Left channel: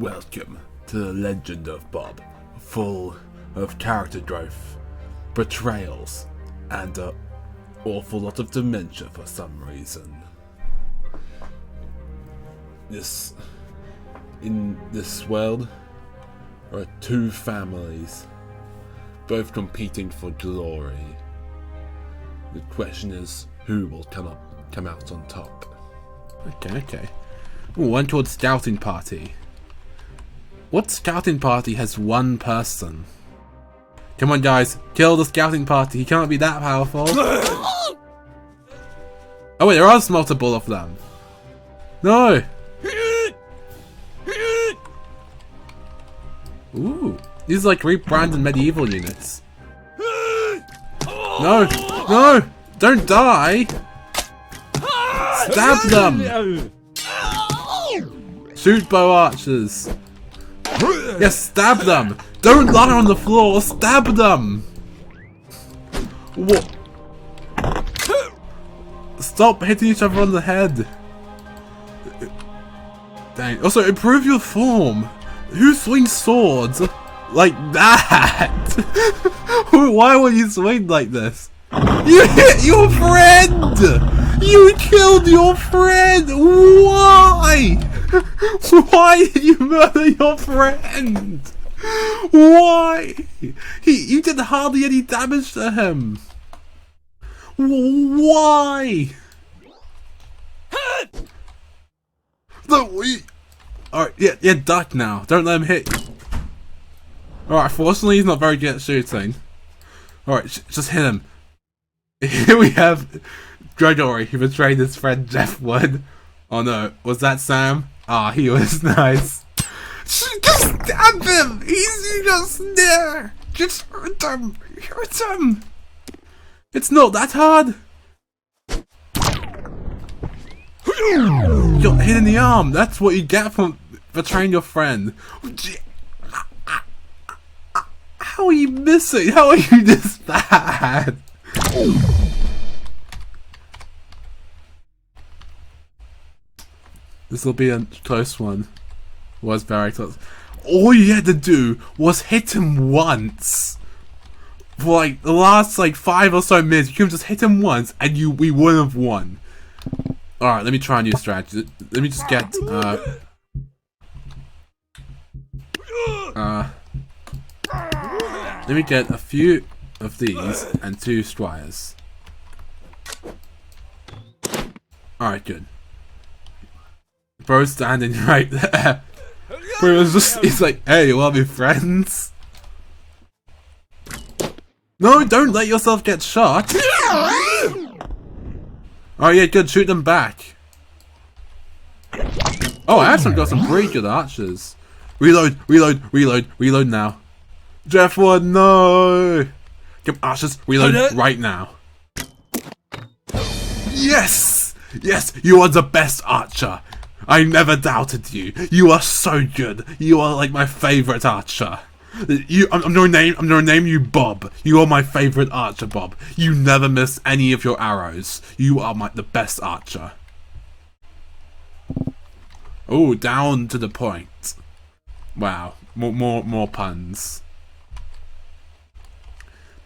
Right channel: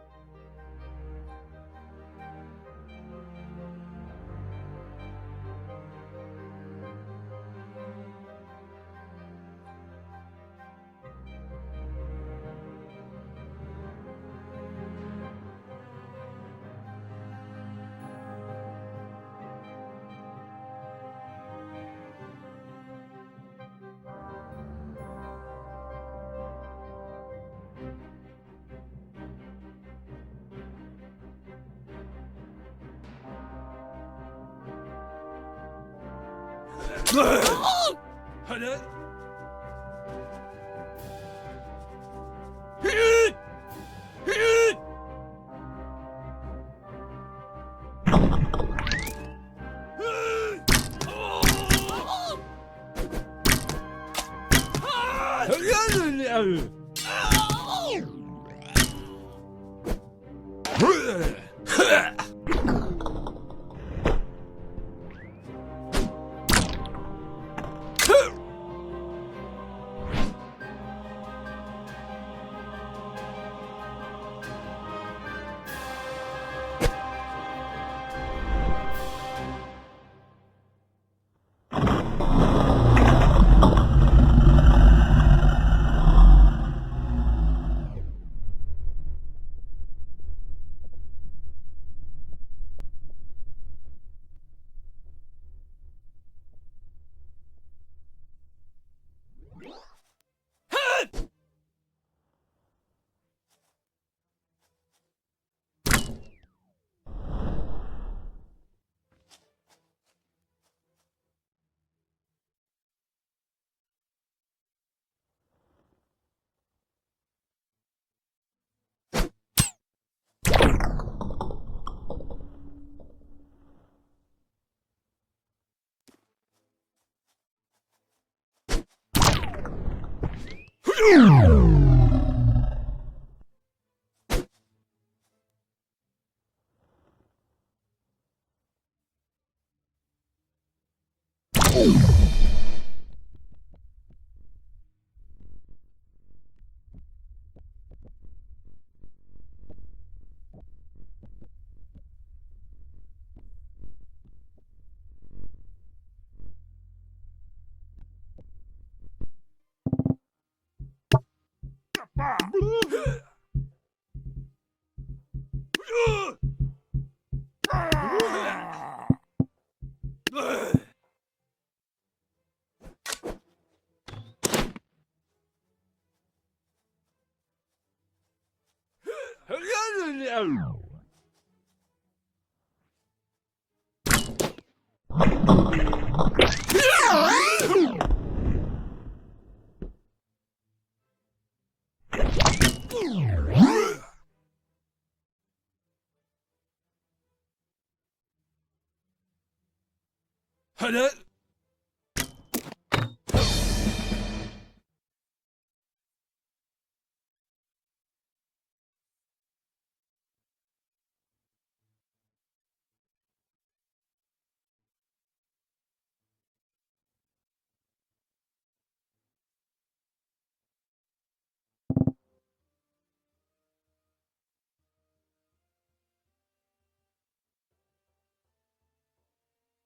Welcome to the legend of Bob, full of character growth, betrayals, and an awful lot of dementia for some reason. In this world, there are two families, both competing for glory. The question is, who will come out on top? Okay. Ooh, one called Scouting Party. What scouting party has one person? Come on guys, kill the scouting party, he can't be that powerful. Oh wait, there are multiple of them. No! Ooh, these are like rebranded medieval units. No! Don't die! Stab them! Shoot bow archers! Yes, stab them! Don't lie on the floor, stab them! What? Stop hitting each other on the head! Dang. Also, improve your form! Who swings swords like that? Why would you swing like this? You hit your friend! You killed your friend! Why? Why did you murder your friend? Why? You did hardly any damage to him. Why? Alright, yeah, duck now. Don't let him hit you. Alright, fortunately he's not very good at shooting. Alright, just hit him. Here we have Gregory, who betrayed his friend Jeff Wood. Oh no, was that Sam? Ah, he was nice. Just stab him! He's just there! Just hurt him! Hurt him! It's not that hard! You got hit in the arm! That's what you get from betraying your friend. How are you missing? How are you this bad? This will be a close one. Was very close. All you had to do was hit him once. For like the last 5 or so minutes, you could have just hit him once and we would have won. Alright, let me try a new strategy. Let me just get let me get a few of these and 2 squires. Alright, good. Bro's standing right there. Bro was just, he's like, hey, you wanna be friends? No, don't let yourself get shot. Oh yeah, good, shoot them back. Oh, I actually got some pretty good archers. Reload now. Jeff Wood, no! Come archers, reload right now. Yes! Yes, you are the best archer. I never doubted you. You are so good. You are like my favorite archer. I'm gonna name you Bob. You are my favorite archer, Bob. You never miss any of your arrows. You are the best archer. Oh, down to the point. Wow, more puns.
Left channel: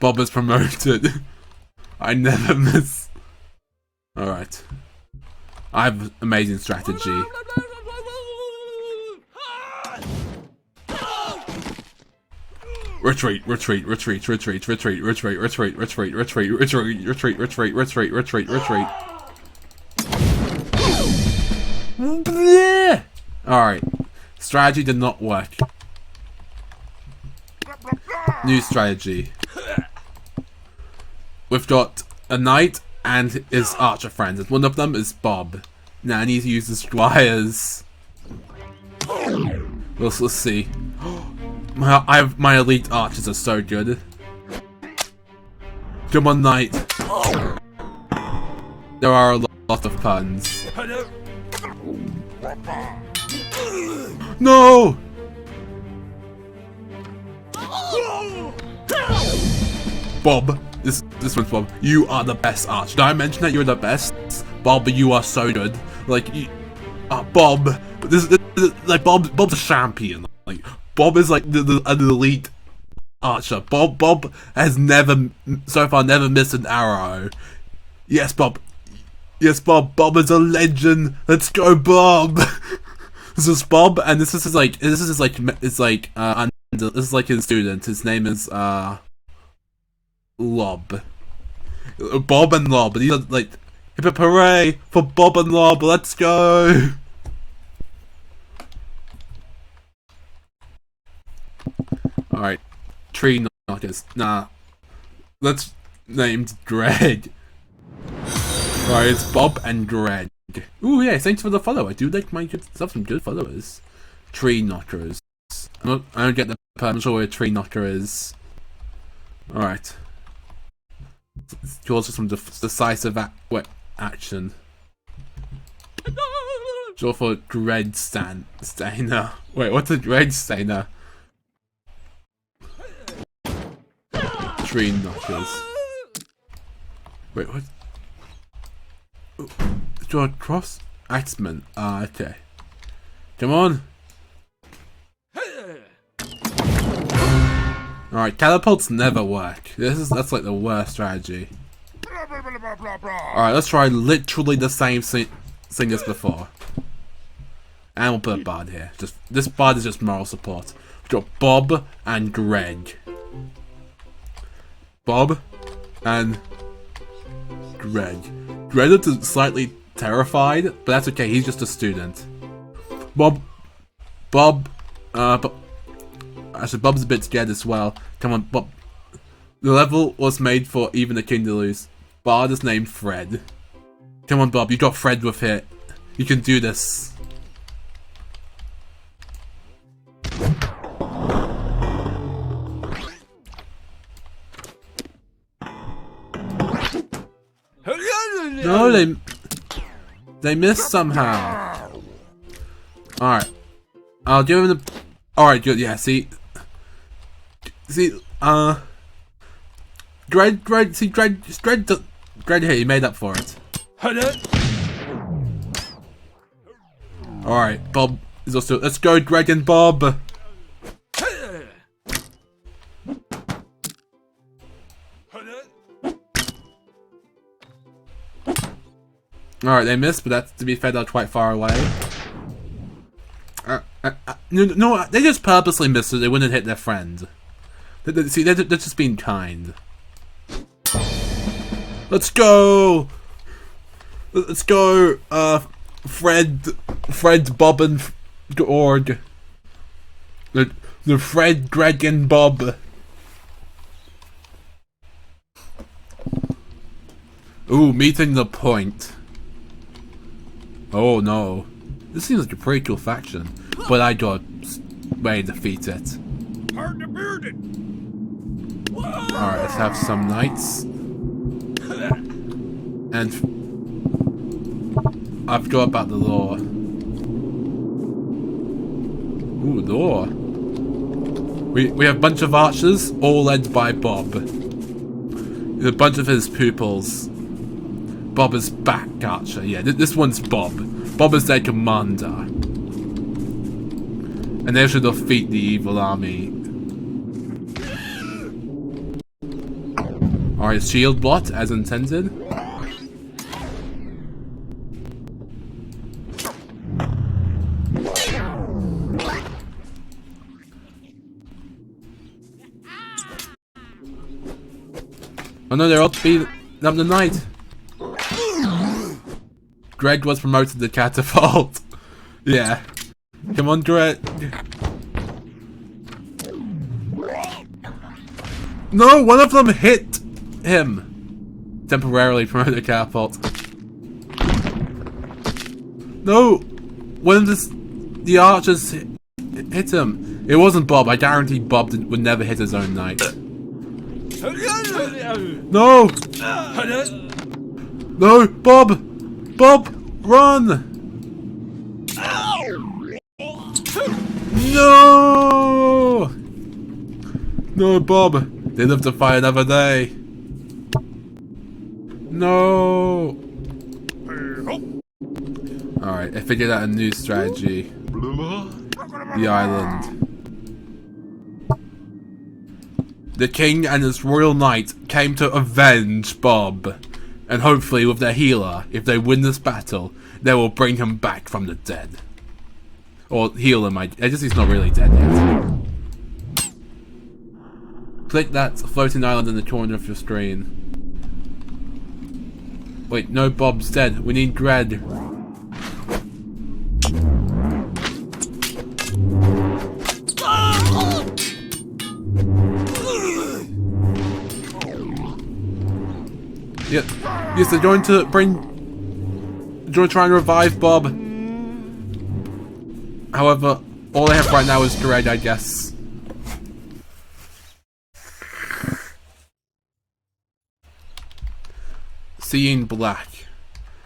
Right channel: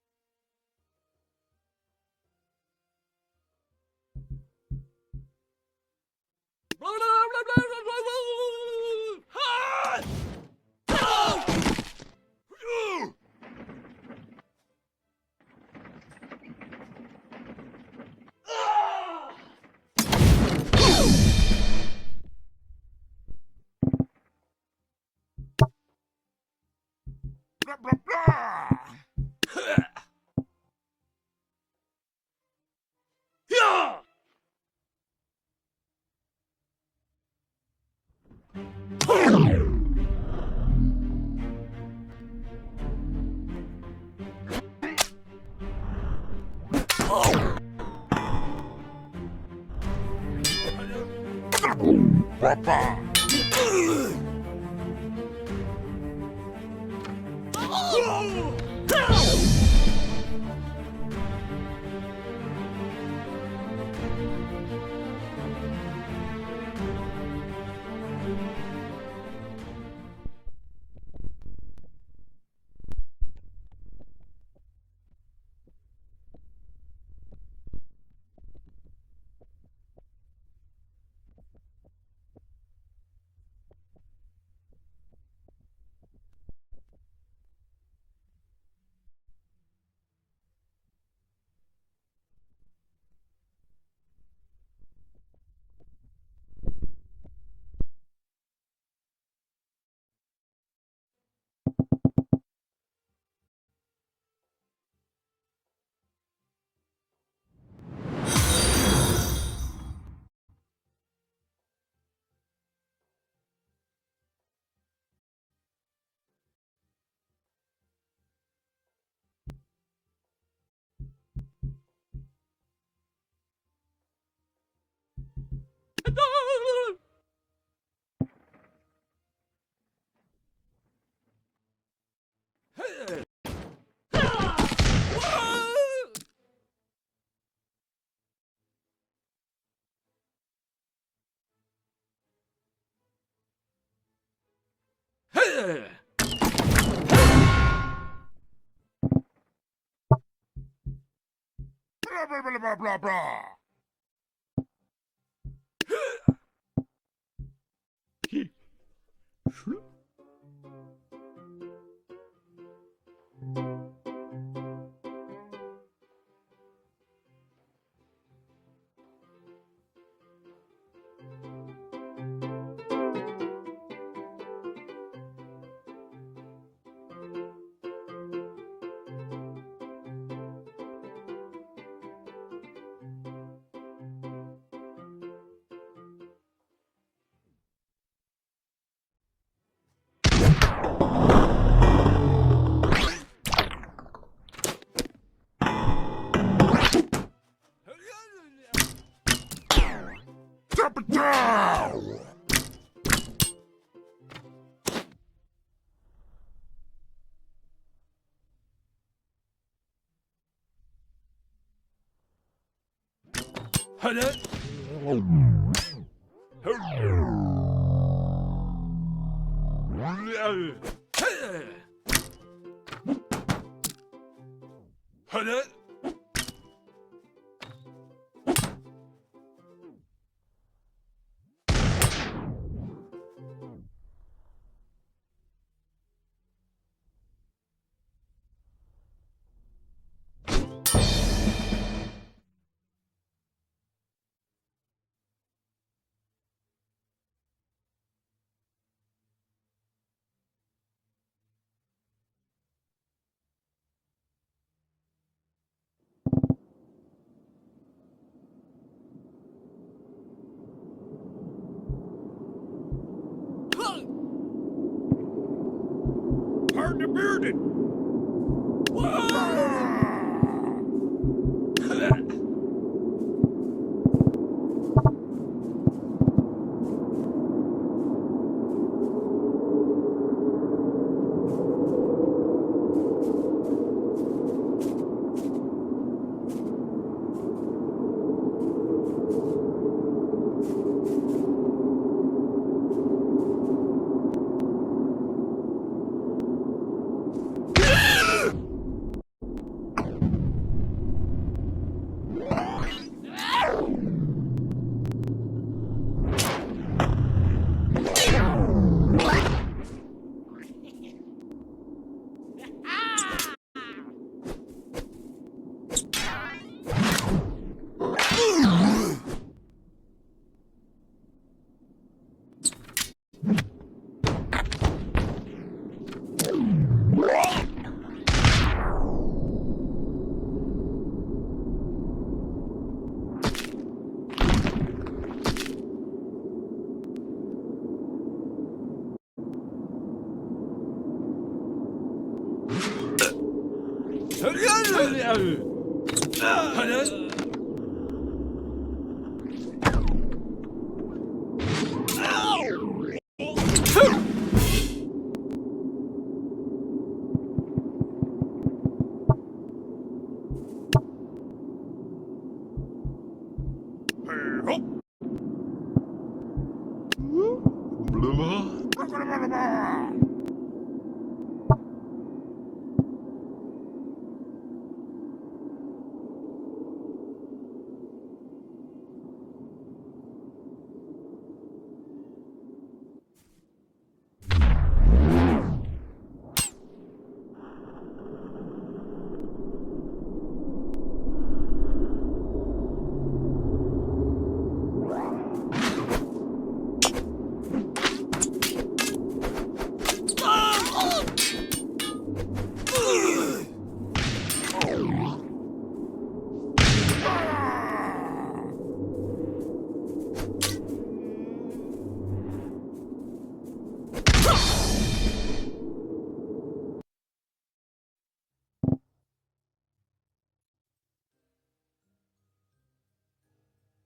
Bob is promoted. I never miss. All right. I have amazing strategy. Retreat. Alright. Strategy did not work. New strategy. We've got a knight and his archer friends, and one of them is Bob. Now I need to use the squires. Let's see. My elite archers are so good. Come on, knight. There are a lot of puns. No! Bob. This one's Bob. You are the best archer. Did I mention that you're the best? Bob, you are so good. Bob, this like Bob's a champion. Like Bob is like an elite archer. Bob has so far never missed an arrow. Yes, Bob. Yes, Bob. Bob is a legend. Let's go, Bob. This is Bob, and this is his student. His name is Lob. Bob and Lob. These are like, hip hip hooray for Bob and Lob. Let's go. All right, tree knockers. Nah, let's named Greg. Alright, it's Bob and Greg. Ooh, yeah, thanks for the follow. I do like my good stuff, some good followers. Tree knockers. I don't get the part. I'm not sure where a tree knocker is. Alright. Calls for some decisive action. Draw for Greg Stainer. Wait, what's a Greg Stainer? Tree knockers. Wait, what? Draw a cross axeman. Ah, okay. Come on. Alright, catapults never work. That's like the worst strategy. Alright, let's try literally the same thing as before. And we'll put a bard here. This bard is just moral support. Draw Bob and Greg. Bob and Greg. Greg is slightly terrified, but that's okay, he's just a student. Actually, Bob's a bit scared as well. Come on, Bob. The level was made for even the king to lose. Bard is named Fred. Come on, Bob, you got Fred with it. You can do this. No, they missed somehow. Alright. I'll give him the... Alright, good, yeah, see, Greg here, he made up for it. Alright, Bob is also... Let's go, Greg and Bob! Alright, they missed, but that's, to be fair, they're quite far away. No, they just purposely missed so they wouldn't hit their friend. See, they're just being kind. Let's go! Let's go, Fred, Bob, and Org. The Fred, Greg, and Bob. Ooh, meeting the point. Oh no. This seems like a pretty cool faction, but I got way defeat it. Hard to beard it. Alright, let's have some knights. And I forgot about the lore. Ooh, lore. We have a bunch of archers, all led by Bob. With a bunch of his pupils. Bob is back archer. Yeah, this one's Bob. Bob is their commander. And they should defeat the evil army. Alright, shield bot as intended. Oh no, they're all to be up the night. Greg was promoted to catapult. Yeah. Come on, Greg. No, one of them hit him. Temporarily promoted to catapult. No, one of the archers hit him. It wasn't Bob. I guarantee Bob would never hit his own knight. No! No, Bob! Bob, run! No! No, Bob. They live to fight another day. No! Alright. Alright, I figured out a new strategy. The island. The king and his royal knight came to avenge Bob. And hopefully with their healer, if they win this battle, they will bring him back from the dead. Or heal him, I guess he's not really dead yet. Click that floating island in the corner of your screen. Wait, no, Bob's dead. We need Greg. Yes, they're going to try and revive Bob. However, all they have right now is Greg, I guess. Seeing black.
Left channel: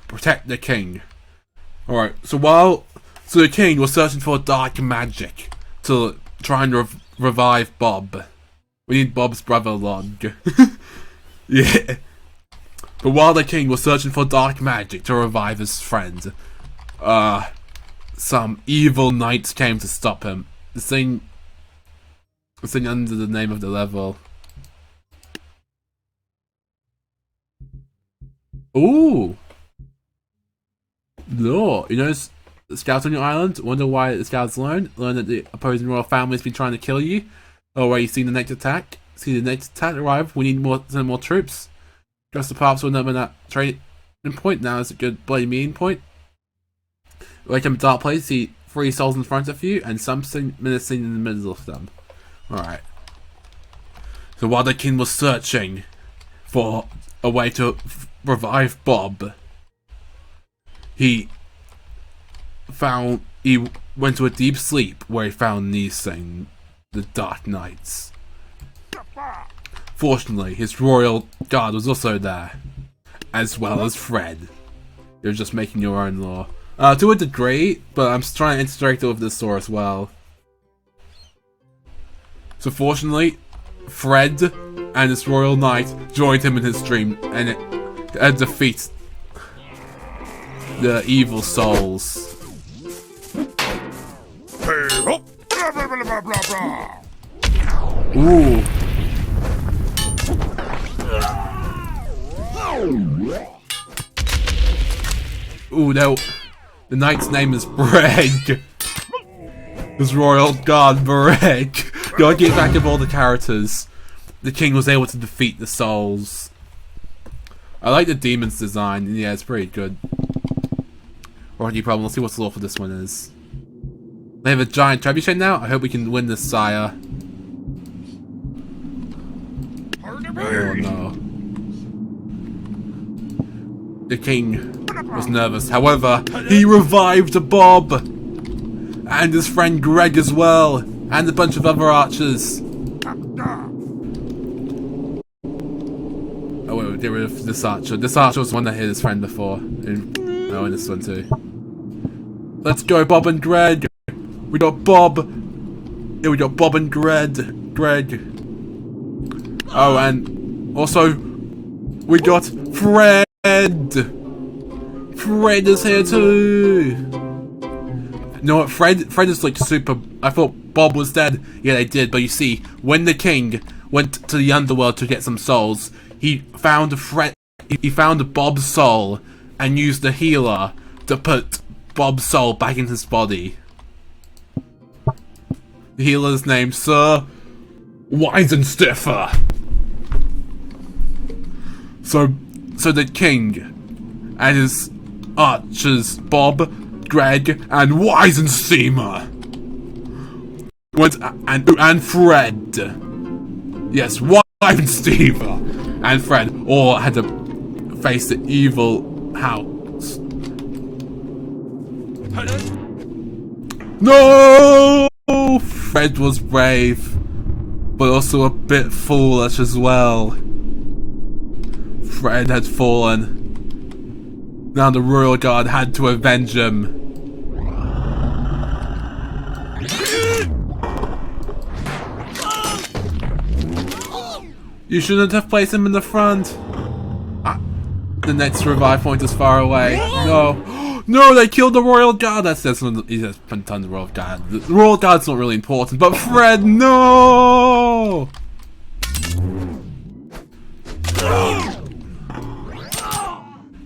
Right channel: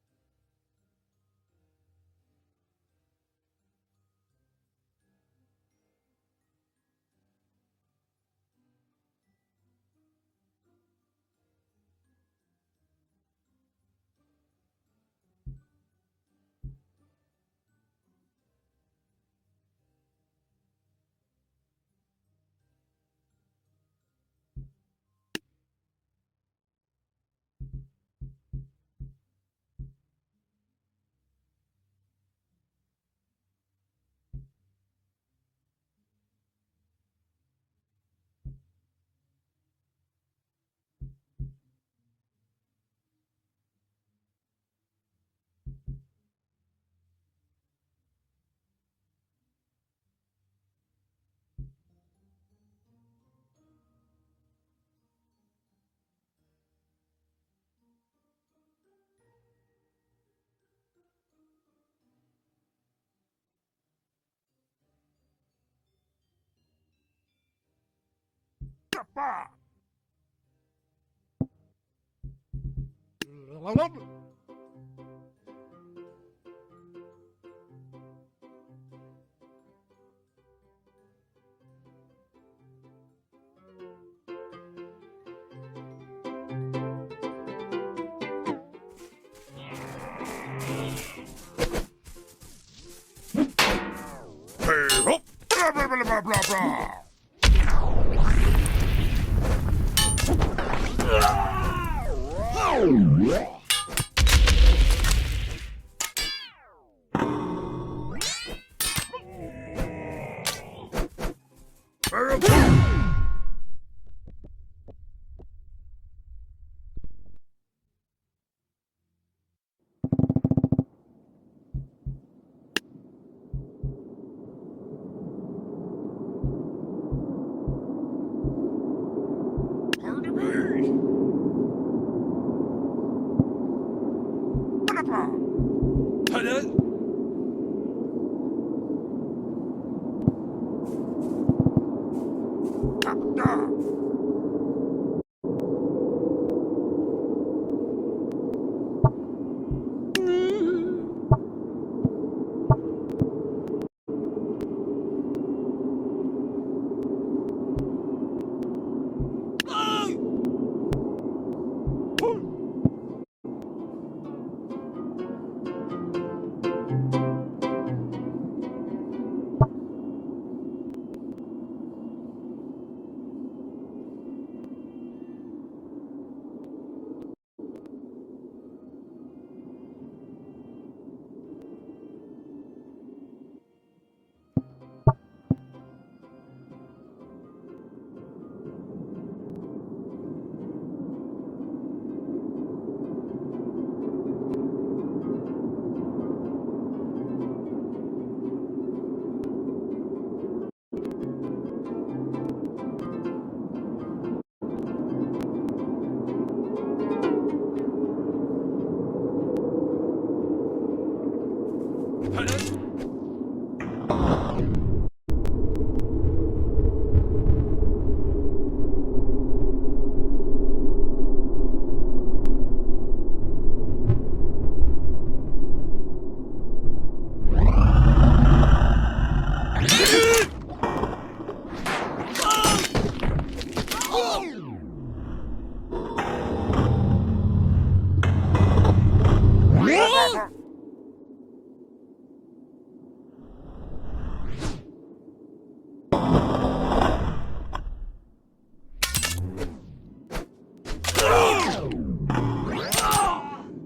Protect the king. Alright, so the king was searching for dark magic to try and revive Bob. We need Bob's brother Log. Yeah. But while the king was searching for dark magic to revive his friend, some evil knights came to stop him. The thing under the name of the level. Ooh! No, you notice the scouts on your island? Wonder why the scouts learn? Learn that the opposing royal family's been trying to kill you? Oh, wait, you seen the next attack? See the next attack arrive? We need send more troops. Just the paths will never that trading point. Now is a good bloody meeting point. Wake up a dark place, see 3 souls in front of you, and something menacing in the middle of them. Alright. So while the king was searching for a way to revive Bob, he went to a deep sleep where he found these things, the Dark Knights. Fortunately, his royal guard was also there, as well as Fred. You're just making your own law. To a degree, but I'm trying to interact with this store as well. So fortunately, Fred and his royal knight joined him in his dream, and it defeats the evil souls. Ooh. Ooh, no. The knight's name is Breg. His royal guard, Breg. Gotta keep track of all the characters. The king was able to defeat the souls. I like the demon's design. Yeah, it's pretty good. Alrighty, problem. Let's see what the law for this one is. They have a giant trebuchet now. I hope we can win this, sire. Oh, no. The king was nervous. However, he revived Bob and his friend Greg as well, and a bunch of other archers. Oh wait, get rid of this archer. This archer was the one that hit his friend before. And this one too. Let's go, Bob and Greg. We got Bob. Yeah, we got Bob and Greg. Oh, and also we got Fred. Fred is here too. You know what? Fred is like super. I thought Bob was dead. Yeah, they did. But you see, when the king went to the underworld to get some souls, he found He found Bob's soul and used the healer to put Bob's soul back in his body. The healer's named Sir Weisenstiffer. So the king and his archers, Bob, Greg, and Weisensteamer went and Fred. Yes, Weisensteamer and Fred all had to face the evil house. No! Fred was brave, but also a bit foolish as well. Fred had fallen. Now the royal guard had to avenge him. You shouldn't have placed him in the front. The next revive point is far away. No. No, they killed the royal guard. He says tons of royal guard. The royal guard's not really important, but Fred, no!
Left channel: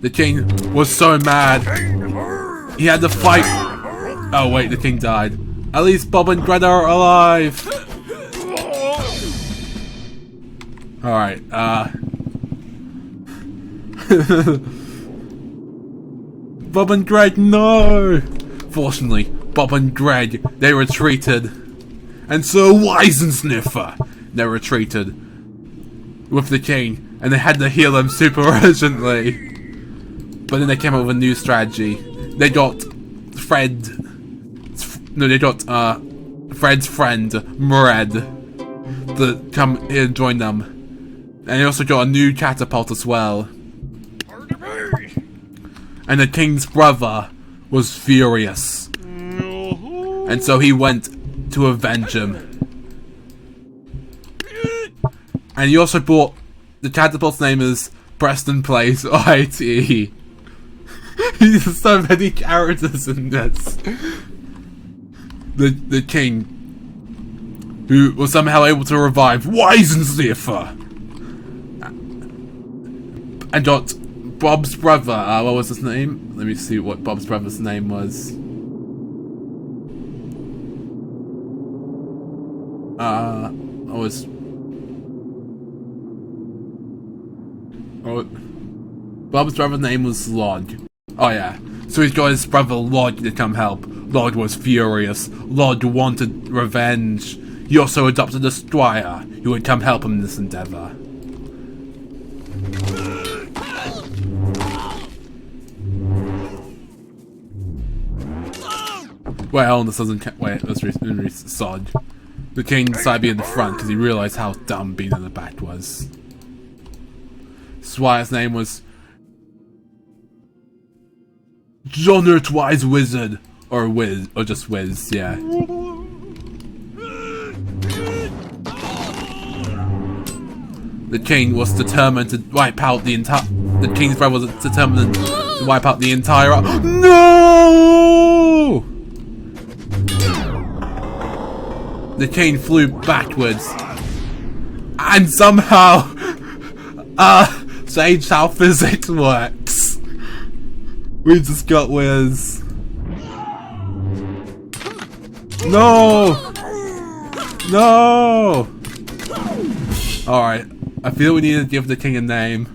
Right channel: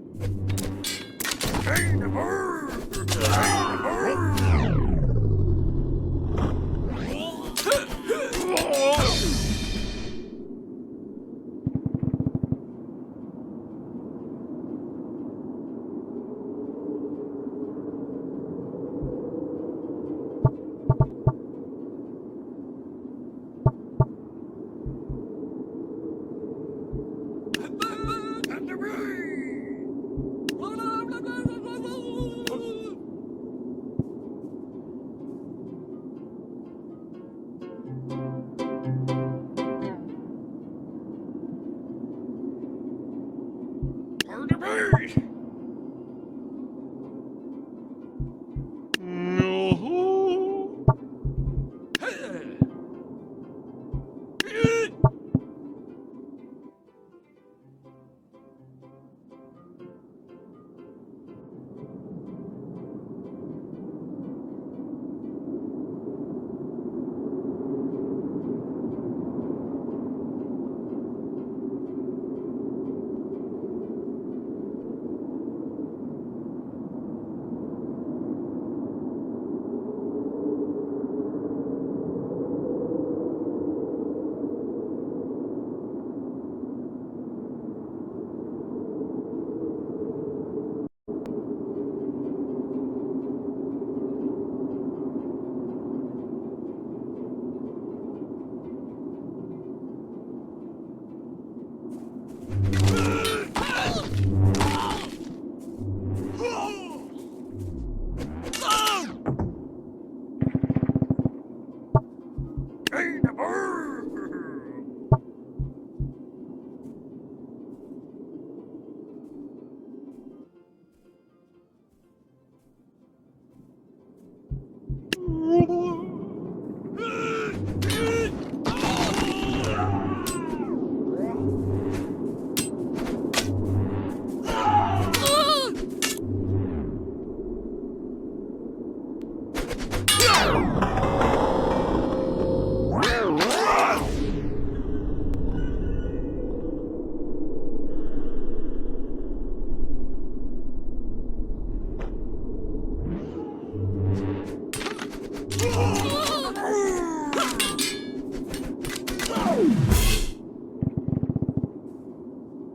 The king was so mad. He had to fight. Oh wait, the king died. At least Bob and Greta are alive. Alright, Bob and Greg, no! Fortunately, Bob and Greg, they retreated. And Sir Weisensniffer, they retreated with the king, and they had to heal him super urgently. But then they came up with a new strategy. They got Fred's friend, Mred, to come here and join them. And they also got a new catapult as well. And the king's brother was furious. And so he went to avenge him. And he also brought, the catapult's name is Preston Place IT. There's so many characters in this. The king, who was somehow able to revive Weisensniffer, and got Bob's brother, what was his name? Let me see what Bob's brother's name was. Bob's brother's name was Lod. Oh yeah, so he's got his brother Lod to come help. Lod was furious. Lod wanted revenge. He also adopted a squire who would come help him in this endeavor. Well, this doesn't wait, let's read Sod. The king decided to be in the front because he realized how dumb being in the back was. Squire's name was Jonert Wise Wizard. Or Wiz, or just Wiz, yeah. The king was determined to wipe out the entire. The king's brother was determined to wipe out the entire. No! The king flew backwards and somehow changed how physics works. We just got Wiz. No! No! Alright, I feel we need to give the king a name.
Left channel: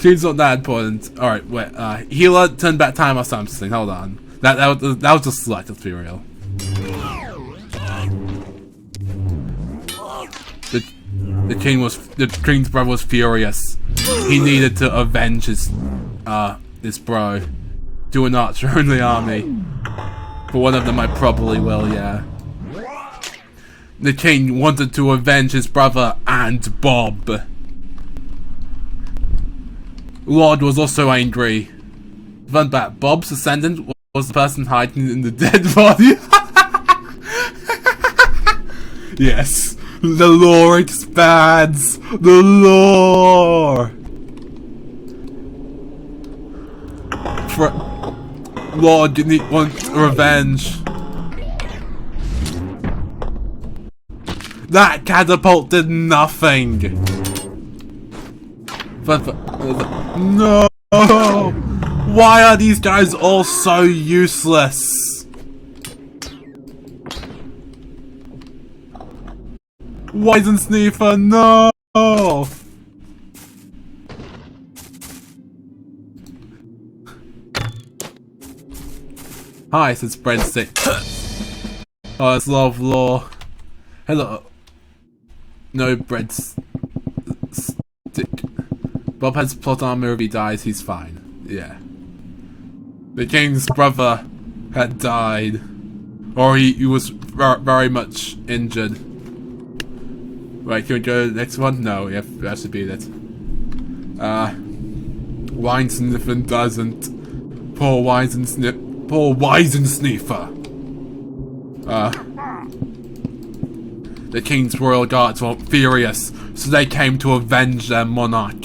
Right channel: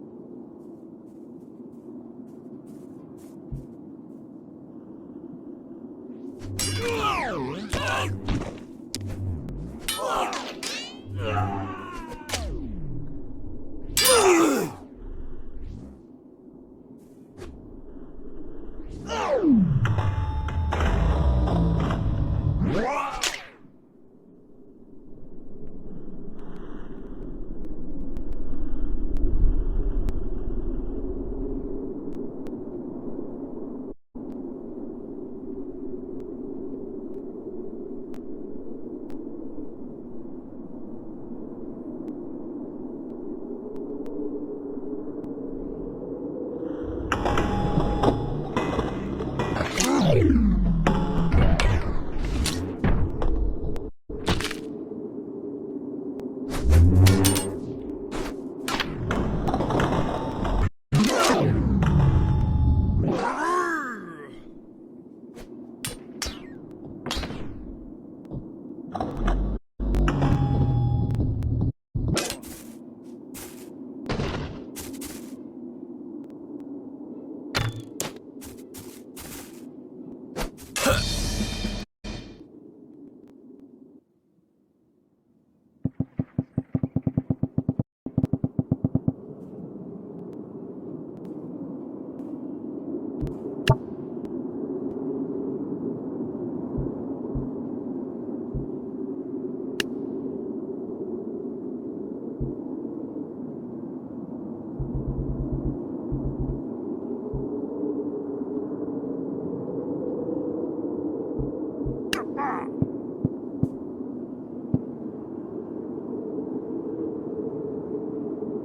King's not that important. Alright, wait, healer, turn back time or something, hold on. That was just select, let's be real. The king's brother was furious. He needed to avenge his bro. Do an archer in the army. But one of them I probably will, yeah. The king wanted to avenge his brother and Bob. Lord was also angry. Fun fact, Bob's descendant was the person hiding in the dead body. Yes, the lore expands. The lore. Lord, you want revenge. That catapult did nothing. No! Why are these guys all so useless? Weisensniffer, no! Hi, says breadstick. Oh, it's love law. Hello. No breadstick. Bob has plot armor. If he dies, he's fine. Yeah. The king's brother had died, or he was very much injured. Right, can we go to the next one? No, yeah, that should be it. Weisensniffer doesn't. Poor Weisensniffer. The king's royal guards were furious, so they came to avenge their monarch.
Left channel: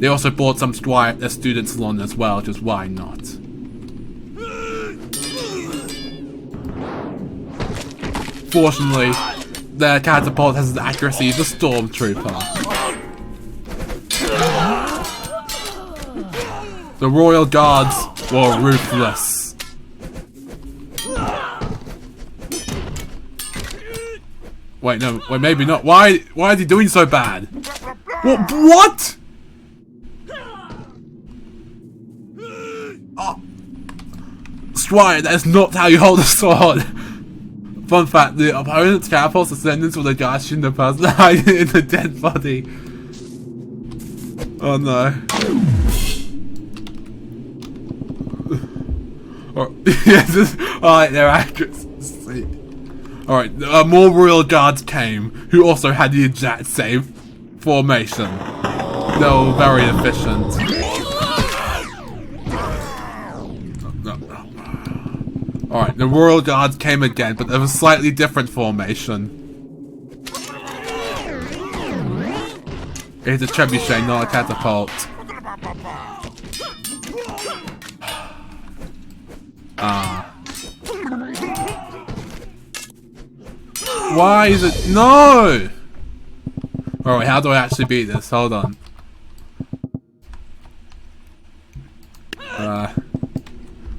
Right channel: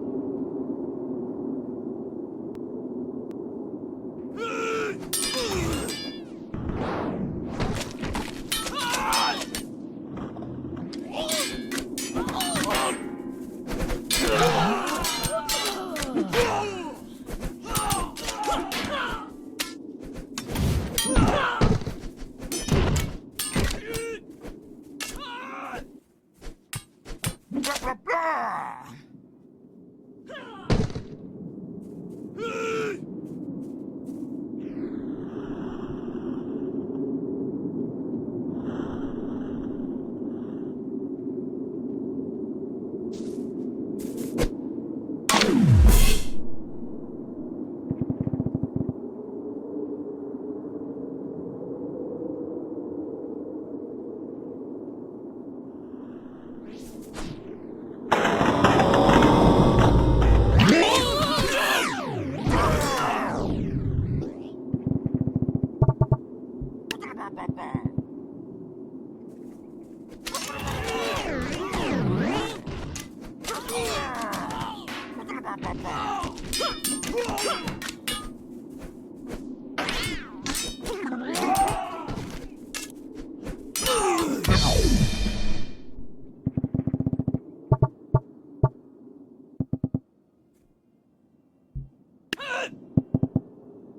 They also brought some their students along as well, just why not? Fortunately, their catapult has the accuracy of a stormtrooper. The Royal Guards were ruthless. Wait, no, wait, maybe not. Why is he doing so bad? What? Oh. Squire, that is not how you hold a sword. Fun fact, the opponent's catapult's ascendants were the guards shooting the person hiding in the dead body. Oh no. Alright, they're accuracy. Alright, more royal guards came, who also had the exact same formation. They were very efficient. Alright, the royal guards came again, but they have a slightly different formation. It's a trebuchet, not a catapult. Why is it? No! Alright, how do I actually beat this? Hold on. Let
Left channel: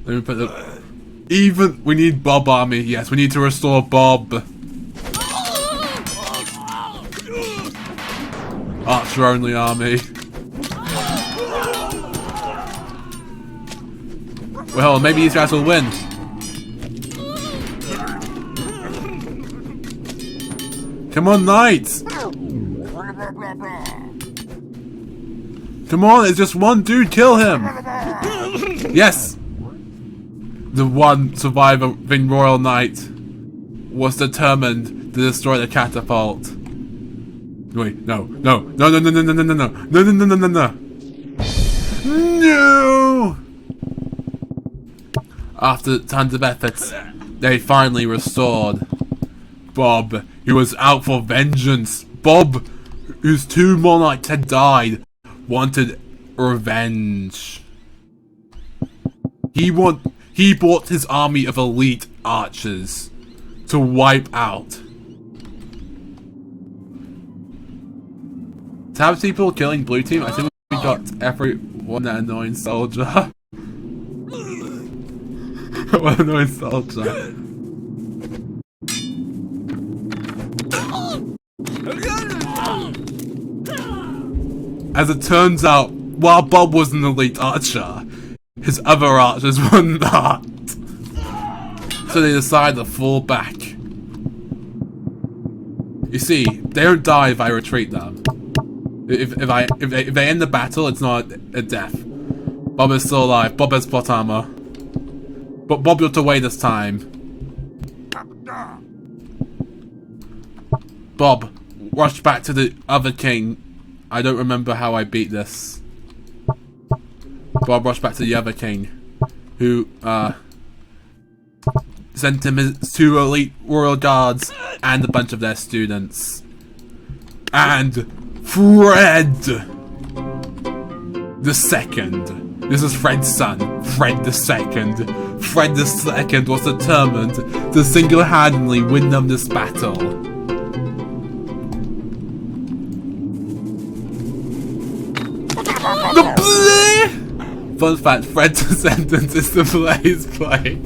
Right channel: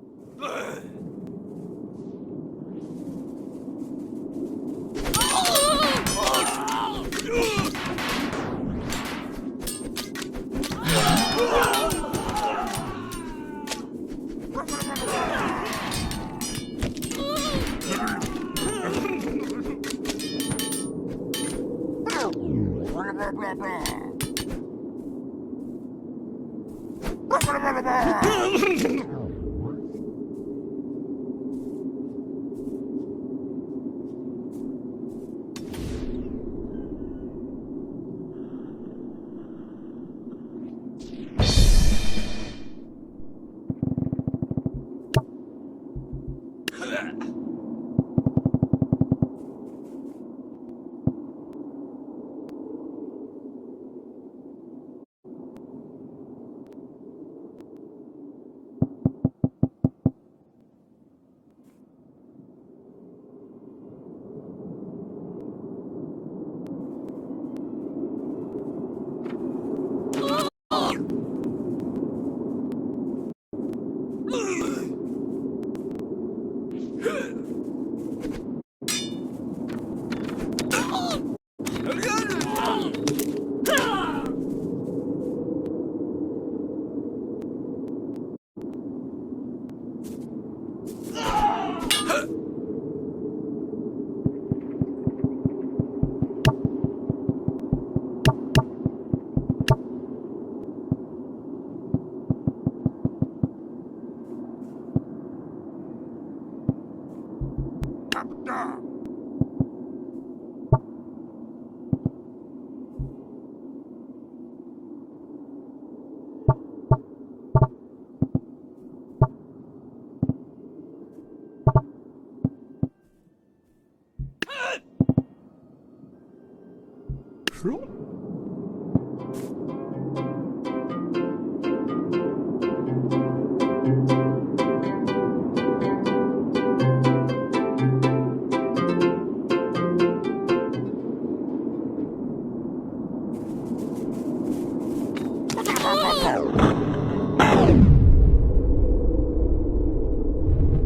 me put the... Even... We need Bob army. Yes, we need to restore Bob. Archer only army. Well, maybe these guys will win. Come on, knights! Come on, it's just one dude, kill him! Yes! The one surviving royal knight was determined to destroy the catapult. Wait, no. No! After tons of efforts, they finally restored Bob, who was out for vengeance. Bob, whose 2 monarchs had died, wanted revenge. He brought his army of elite archers to wipe out. Tab people killing blue team. I think we got everyone that annoying soldier. What annoying soldier. As it turns out, while Bob was an elite archer, his other archers were not. So they decided to fall back. You see, they don't die if I retreat them. If they end the battle, it's not a death. Bob is still alive. Bob has plot armor. But Bob got away this time. Bob rushed back to the other king. I don't remember how I beat this. Bob rushed back to the other king, who sent him his 2 elite royal guards and a bunch of their students. And Fred the Second. This is Fred's son, Fred the Second. Fred the Second was determined to single-handedly win them this battle. Fun fact, Fred's sentence is the Blaze play.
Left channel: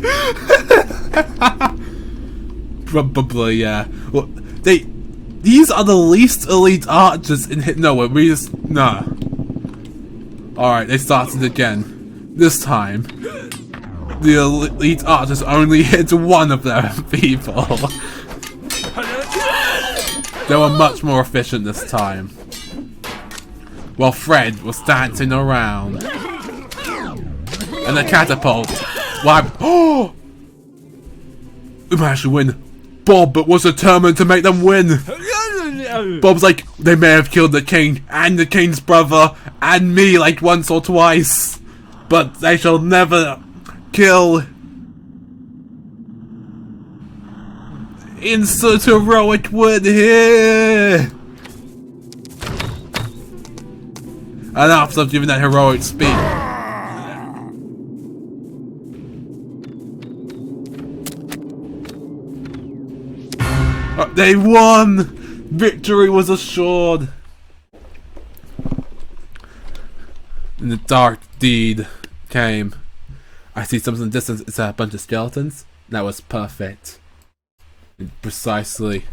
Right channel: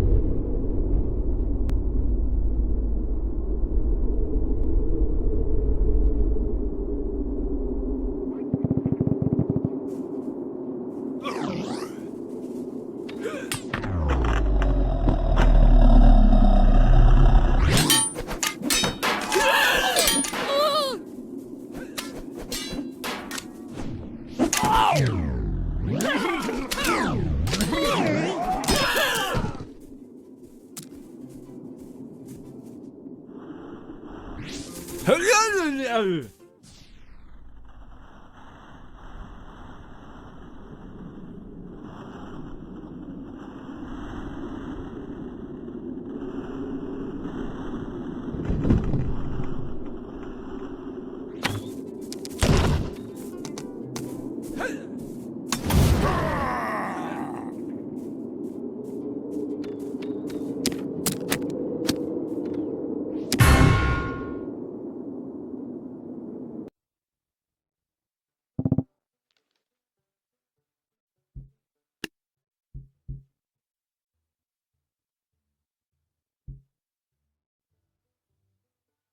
Probably, yeah. Well, these are the least elite archers in hit. No, we just no. Alright, they started again. This time, the elite archers only hit one of their people. They were much more efficient this time. While Fred was dancing around. And the catapult. Oh! We managed to win. Bob was determined to make them win. Bob's like, they may have killed the king and the king's brother and me like once or twice, but they shall never kill. Insert heroic word here. And after giving that heroic speech, they won! Victory was assured! And the dark deed came. I see something in the distance. It's a bunch of skeletons. That was perfect. Precisely.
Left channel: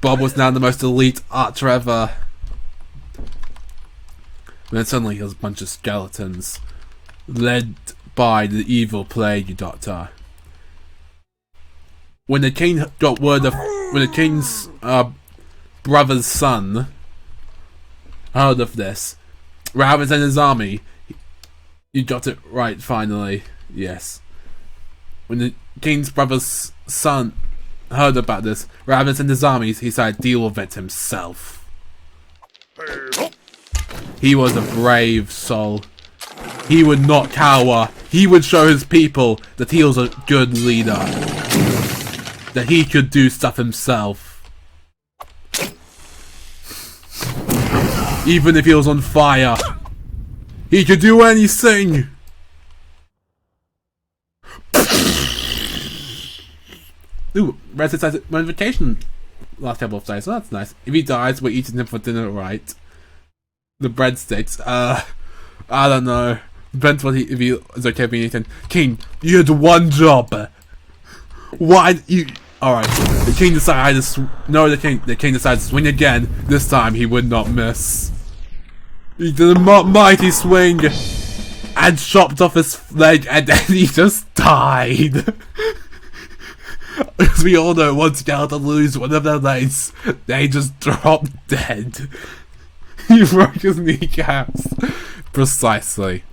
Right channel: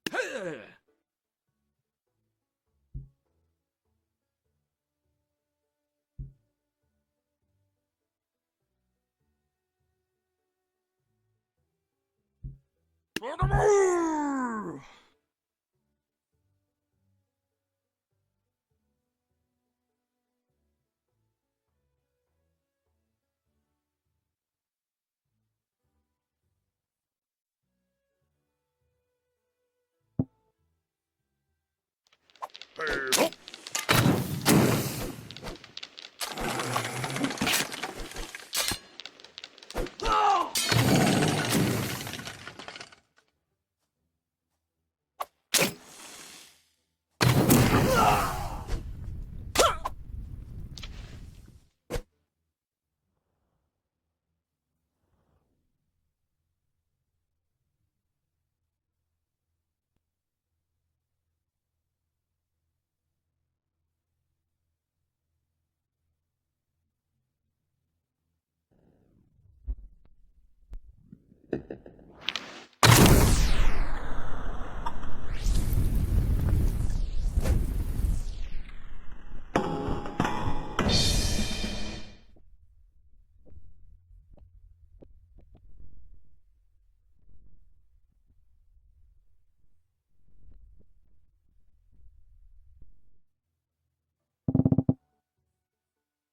Bob was now the most elite archer ever. And then suddenly there was a bunch of skeletons, led by the evil plague doctor. When the king got word of, when the king's brother's son heard of this, rather than his army, you got it right finally. Yes. When the king's brother's son heard about this, rather than send his armies, he decided to deal with it himself. He was a brave soul. He would not cower. He would show his people that he was a good leader. That he could do stuff himself. Even if he was on fire, he could do anything. Ooh, Red says vacation last couple of days, so that's nice. If he dies, we're eating him for dinner, right? The breadsticks, I don't know. Depends what if he is okay being eaten. King, you had one job. Why you? All right. The king decided to the king decided to swing again. This time he would not miss. He did a mighty swing and chopped off his leg, and then he just died. As we all know, once skeleton lose one of their legs, they just drop dead. He broke his kneecaps. Precisely.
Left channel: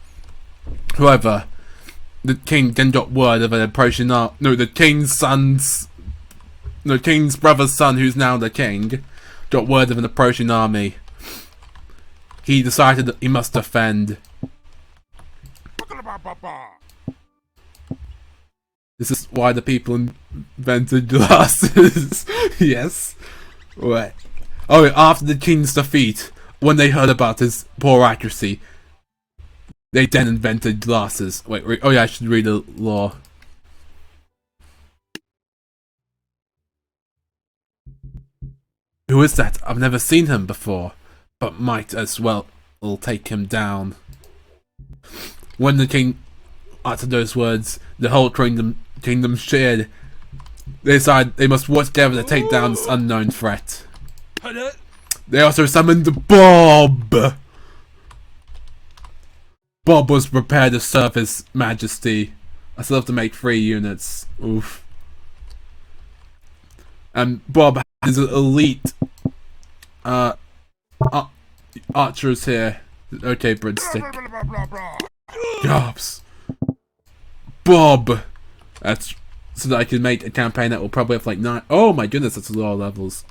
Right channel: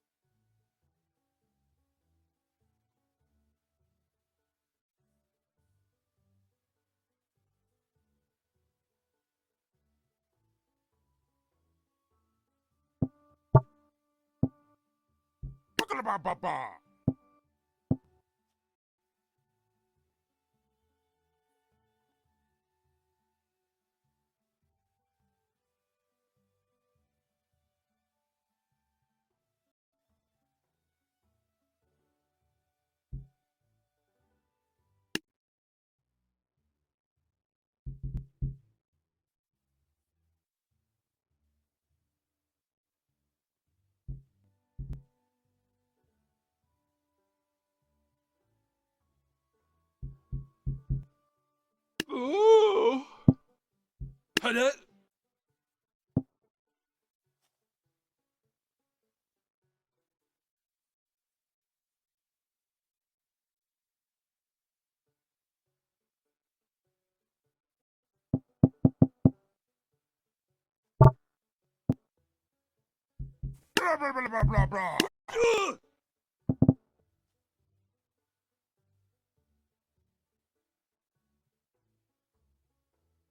However, the king then got word of an approaching the king's brother's son, who's now the king, got word of an approaching army. He decided that he must defend. This is why the people invented glasses. Yes. Right. Oh, after the king's defeat, when they heard about his poor accuracy, they then invented glasses. Wait, oh yeah, I should read the law. Who is that? I've never seen him before, but might as well take him down. When the king uttered those words, the whole kingdom cheered. They decided they must work together to take down this unknown threat. They also summoned Bob. Bob was prepared to serve his majesty. I still have to make 3 units. Oof. And Bob has elite archers here. Okay, breadstick. Jobs. Bob. That's so that I can make a campaign that will probably have like 9. Oh my goodness, that's a lot of levels.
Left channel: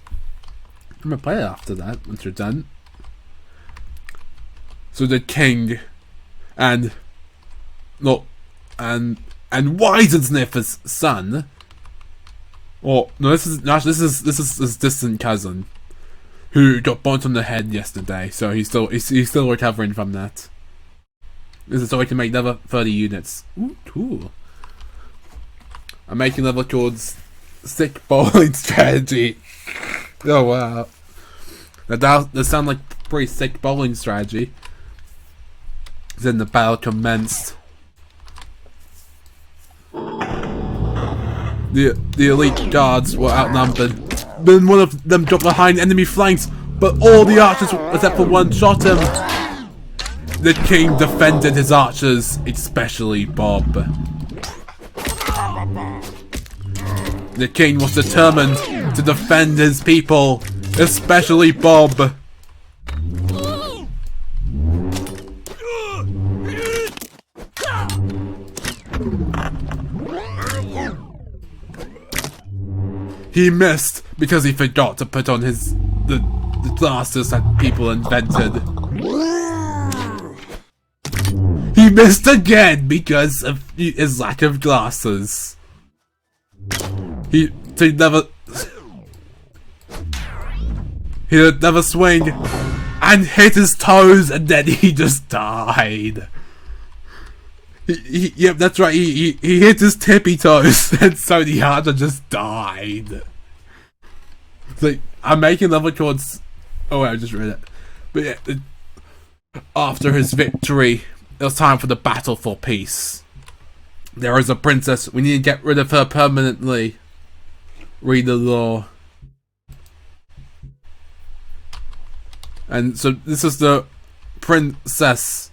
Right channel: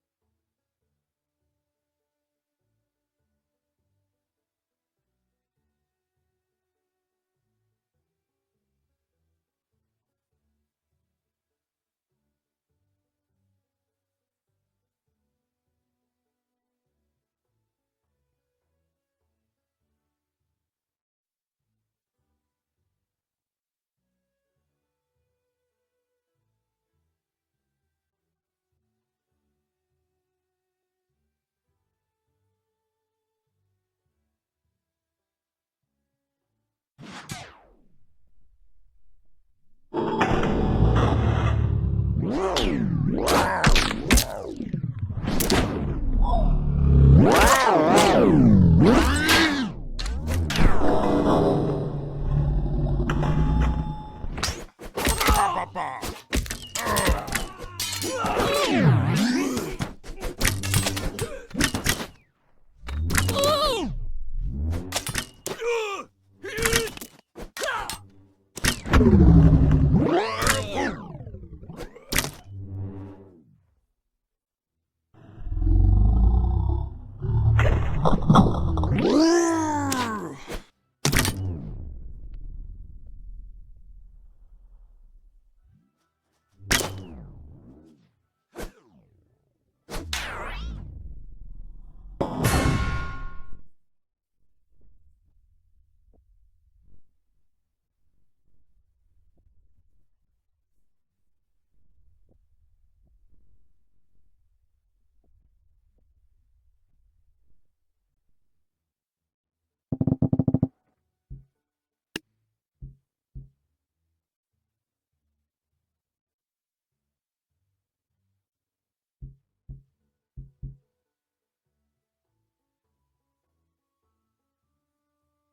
I'm gonna play it after that once you're done. So the king and Wisensniffer's son. Or no, this is his distant cousin, who got bumped on the head yesterday. So he's still recovering from that. This is so I can make another 30 units. Ooh, cool. I'm making another called Sick Bowling Strategy. Oh wow. That sounds like a pretty sick bowling strategy. Then the battle commenced. The elite guards were outnumbered. Then one of them got behind enemy flanks, but all the archers except for one shot him. The king defended his archers, especially Bob. The king was determined to defend his people, especially Bob. He missed because he forgot to put on the glasses that people invented. He missed again because of his lack of glasses. He'd never swing, and hit his toes, and then he just died. Yep, that's right. He hit his tippy toes, and so the archer just died. It's like, I'm making level chords. Oh wait, I just read it. But yeah, after his victory, it was time for the battle for peace. There is a princess. We need to get rid of her permanently. Read the law. And so this is the princess.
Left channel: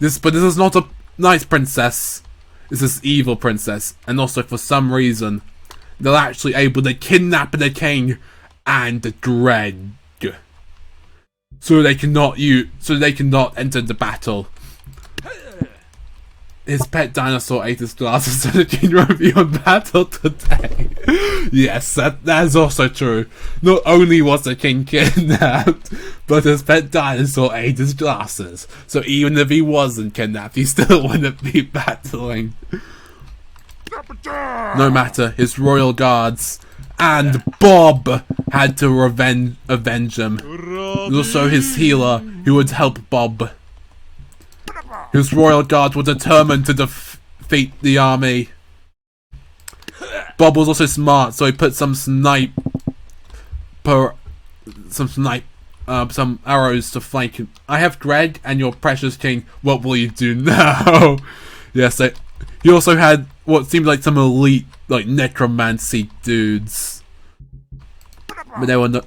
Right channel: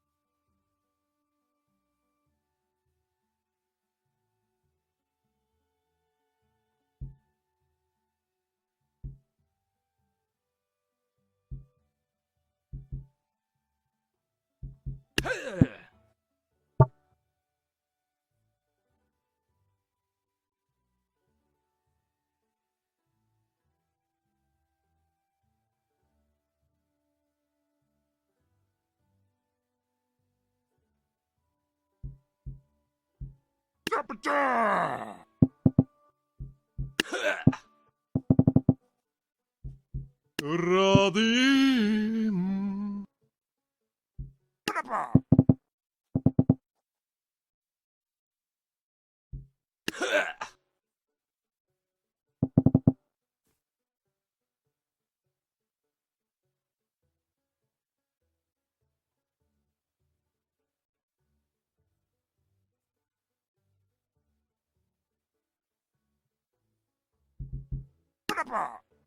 But this is not a nice princess. This is evil princess. And also for some reason, they're actually able to kidnap the king and the Dread. So they cannot enter the battle. His pet dinosaur ate his glasses, so the king won't be on battle today. Yes, that is also true. Not only was the king kidnapped, but his pet dinosaur ate his glasses. So even if he wasn't kidnapped, he still wouldn't be battling. No matter, his royal guards and Bob had to avenge him. Also his healer, who would help Bob. His royal guards were determined to defeat the army. Bob was also smart, so he put some arrows to flank him. I have Greg and your precious king. What will you do now? Yes, he also had what seemed like some elite, like necromancy dudes. But they were not.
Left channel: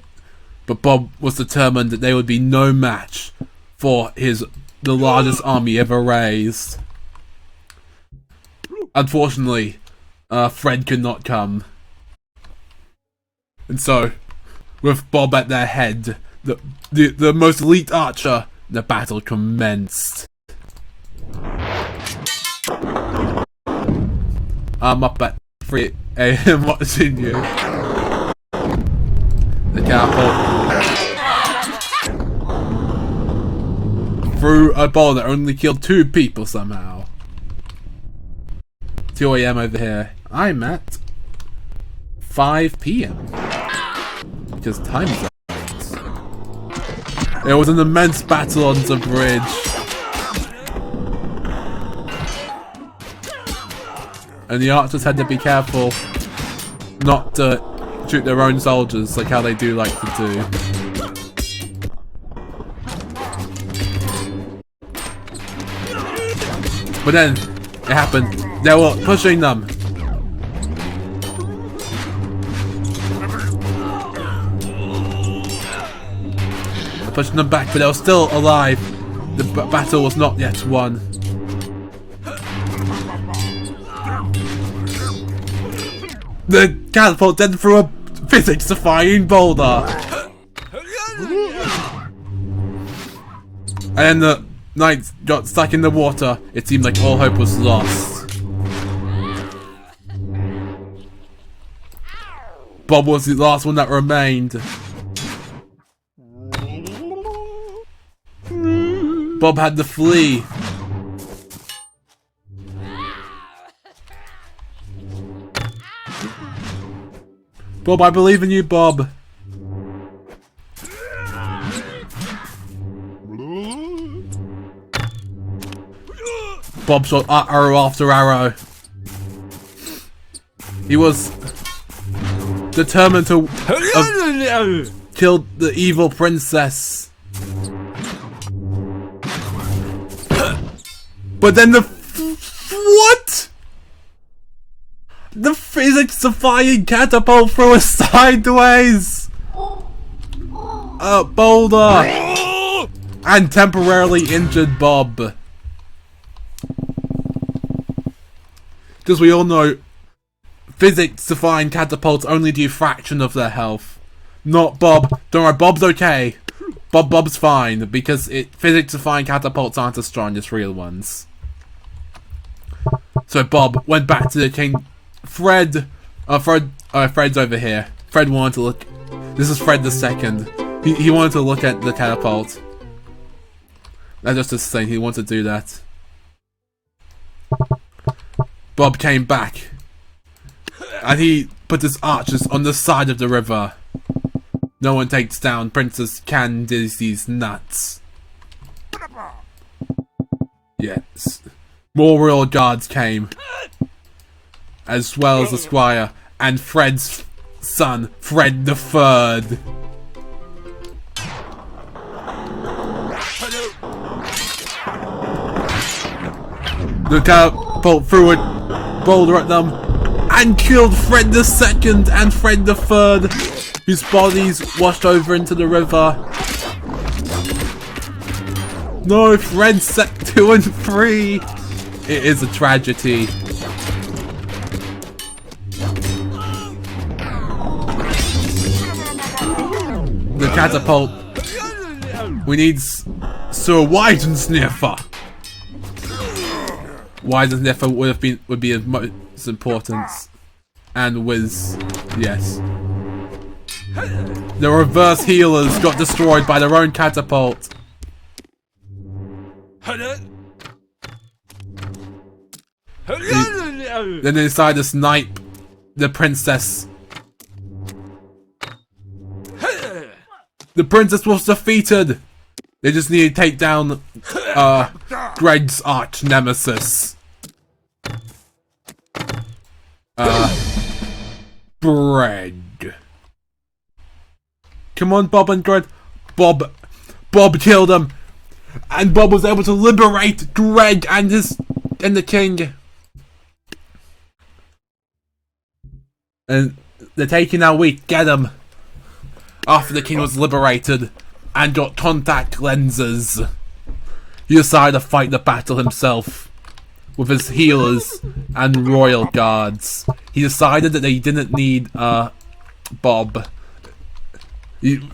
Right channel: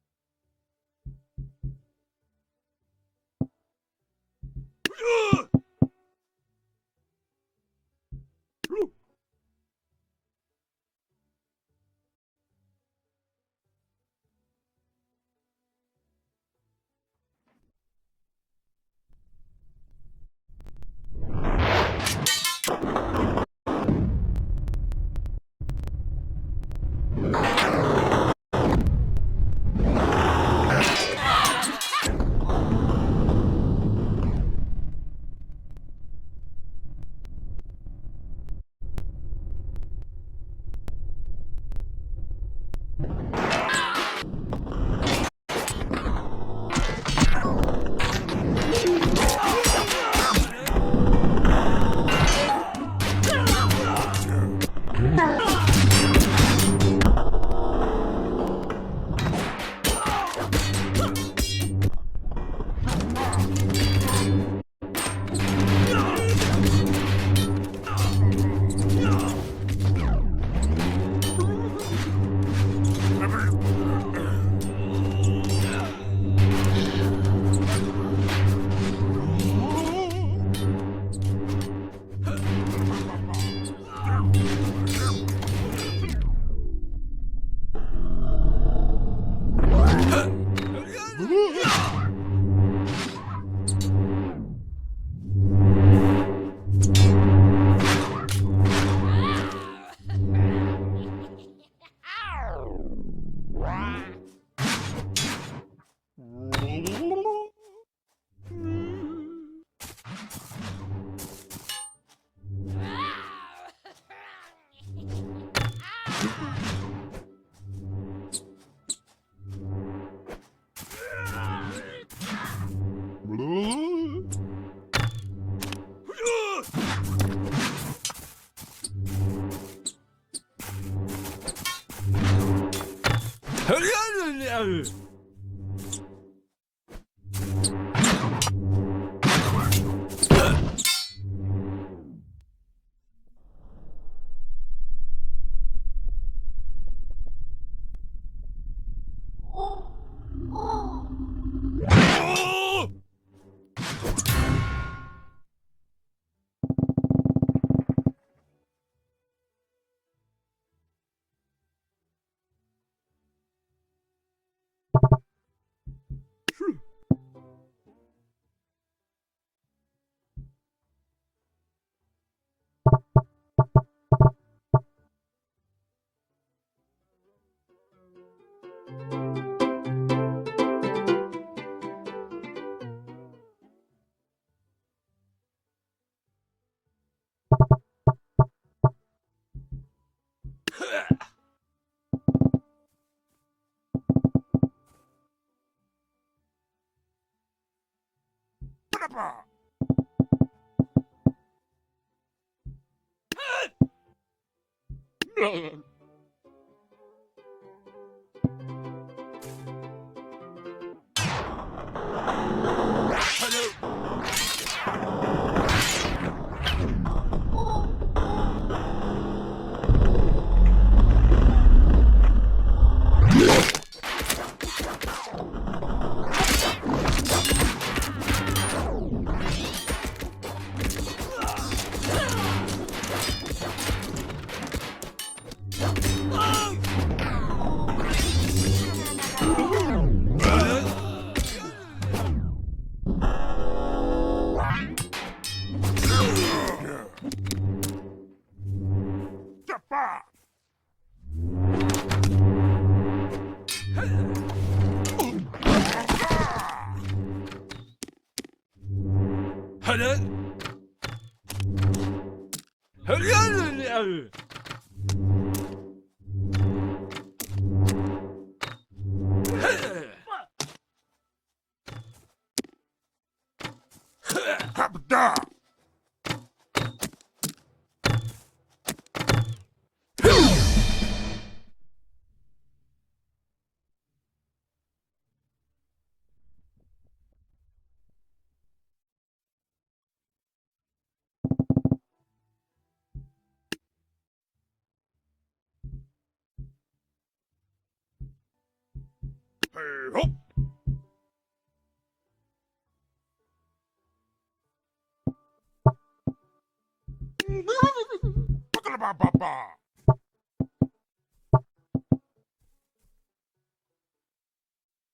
But Bob was determined that they would be no match for the largest army ever raised. Unfortunately, Fred could not come. And so, with Bob at their head, the most elite archer, the battle commenced. I'm up at 3 AM watching you. The cowboy threw a ball that only killed 2 people somehow. 2 AM over here. I'm at 5 PM. Because time sucks. There was an immense battle on the bridge. And the archers had to be careful not to shoot their own soldiers like how they do like to do. But then, it happened. They were pushing them. Pushing them back, but they were still alive. The battle was not yet won. The catapult then threw a physics-defying boulder. And then the knights got stuck in the water. It seemed like all hope was lost. Bob was the last one that remained. Bob had to flee. Bob, I believe in you, Bob. Bob shot arrow after arrow. He was determined to kill the evil princess. But then what? The physics-defying catapult threw us sideways! Boulder! And temporarily injured Bob. Because we all know, physics-defying catapults only do a fraction of their health. Not Bob. Don't worry, Bob's okay. Bob's fine, because physics-defying catapults aren't as strong as real ones. So Bob went back to the king. Fred's over here. Fred wanted to look. This is Fred the second. He wanted to look at the catapult. That's just his thing. He wanted to do that. Bob came back, and he put his archers on the side of the river. no one takes down Princess Candice's nuts. Yes. More royal guards came, as well as the squire and Fred's son, Fred the Third. The catapult threw a boulder at them and killed Fred the Second and Fred the Third, whose bodies washed over into the river. No, Fred set 2 and 3. It is a tragedy. The catapult. We need Sir Widensniffer. Widensniffer would be of most importance. And Wiz, yes. The reverse healers got destroyed by their own catapult. Then they decide to snipe the princess. The princess was defeated. They just need to take down Greg's arch nemesis. Greg. Come on, Bob and Greg. Bob killed him, and Bob was able to liberate Greg and the king. And they're taking our week. Get him. After the king was liberated and got contact lenses, he decided to fight the battle himself with his healers and royal guards. He decided that they didn't need Bob.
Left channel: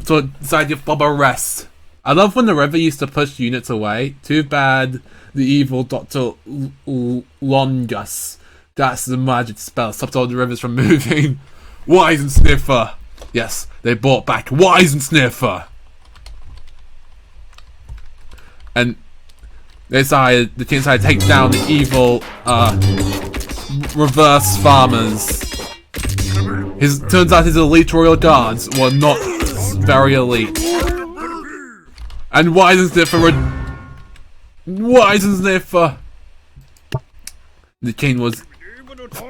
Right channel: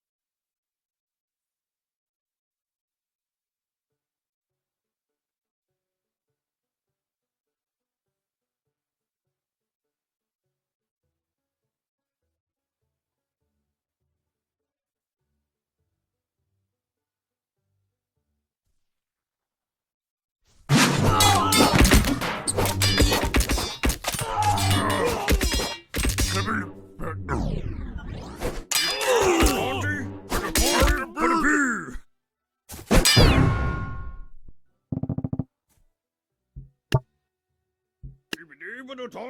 So decided to give Bob a rest. I love when the river used to push units away. Too bad the evil Dr. Longus, that's the magic spell, stopped all the rivers from moving. Widensniffer. Yes, they brought back Widensniffer. And they decided, the king decided to take down the evil reverse farmers. Turns out his elite royal guards were not very elite. And Widensniffer the king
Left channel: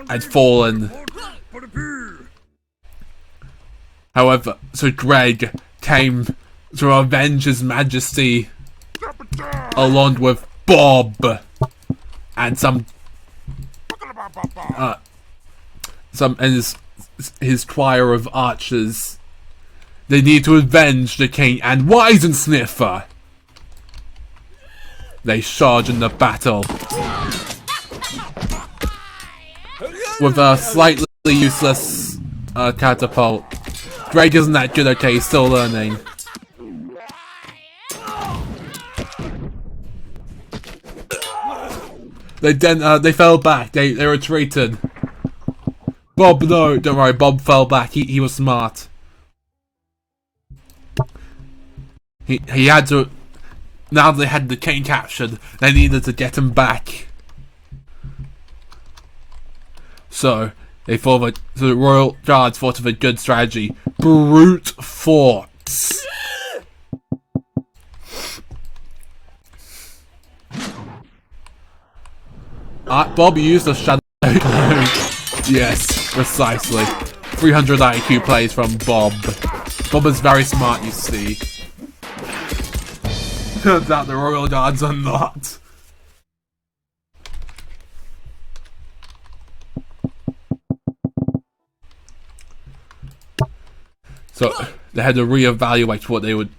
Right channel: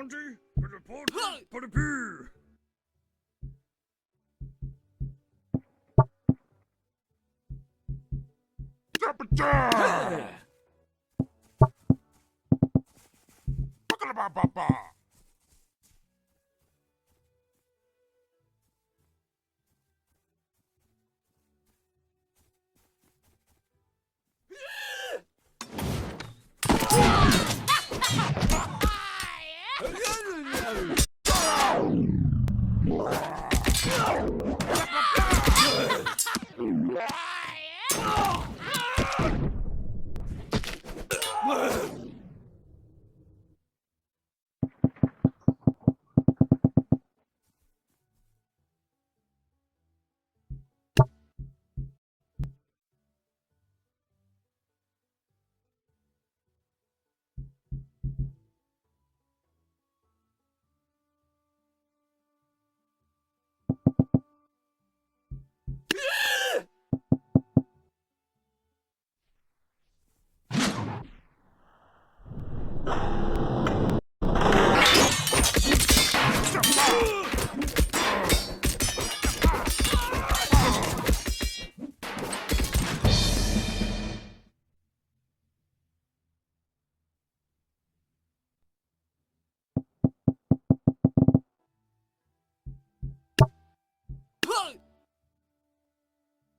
had fallen. However, so Greg came to avenge his majesty along with Bob and some and his choir of archers. They need to avenge the king and Widensniffer. They charge in the battle with a slightly useless catapult. Greg isn't that good, okay, he's still learning. They fell back, they retreated. Bob, no, don't worry, Bob fell back, he was smart. He had to, now they had the king captured, they needed to get him back. So, the royal guards thought of a good strategy. Brute force. Bob used the shadow. Yes, precisely. 300 IQ plays from Bob. Bob is very smart, you see. Turns out the royal guards are not. So they had to reevaluate what they would.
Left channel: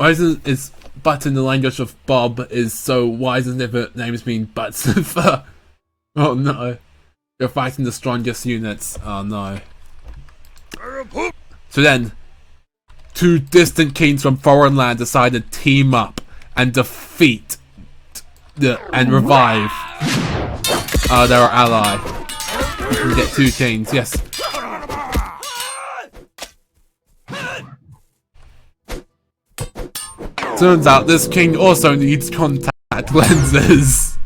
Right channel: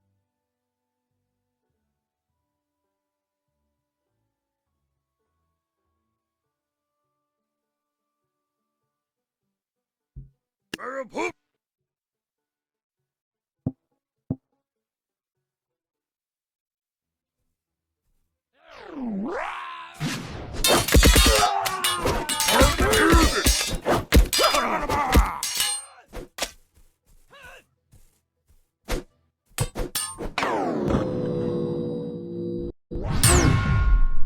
Is but in the language of Bob is so Widensniffer names mean Buttsniffer. Oh no. You're fighting the strongest units. Oh no. So then, 2 distant kings from foreign land decided to team up and defeat and revive their ally. We get 2 kings, yes. Turns out this king also needs contact lenses.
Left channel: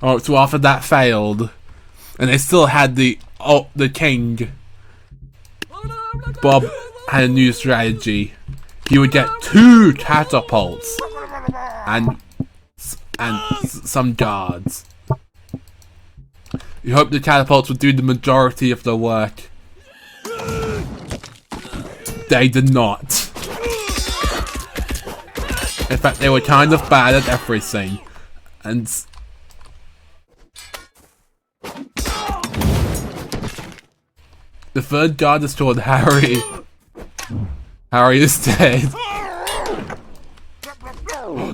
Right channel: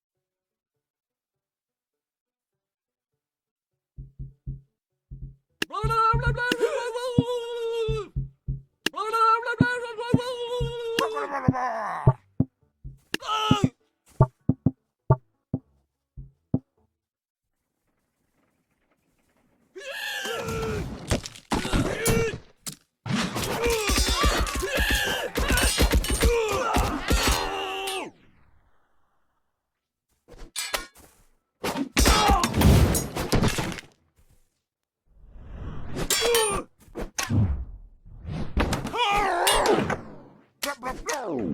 Oh, so after that failed, and they still had the king Bob had a new strategy. He would get 2 catapults and some guards. He hoped the catapults would do the majority of the work. They did not. In fact, they were kind of bad at everything. And the 3rd guard is called Harry. Harry is dead.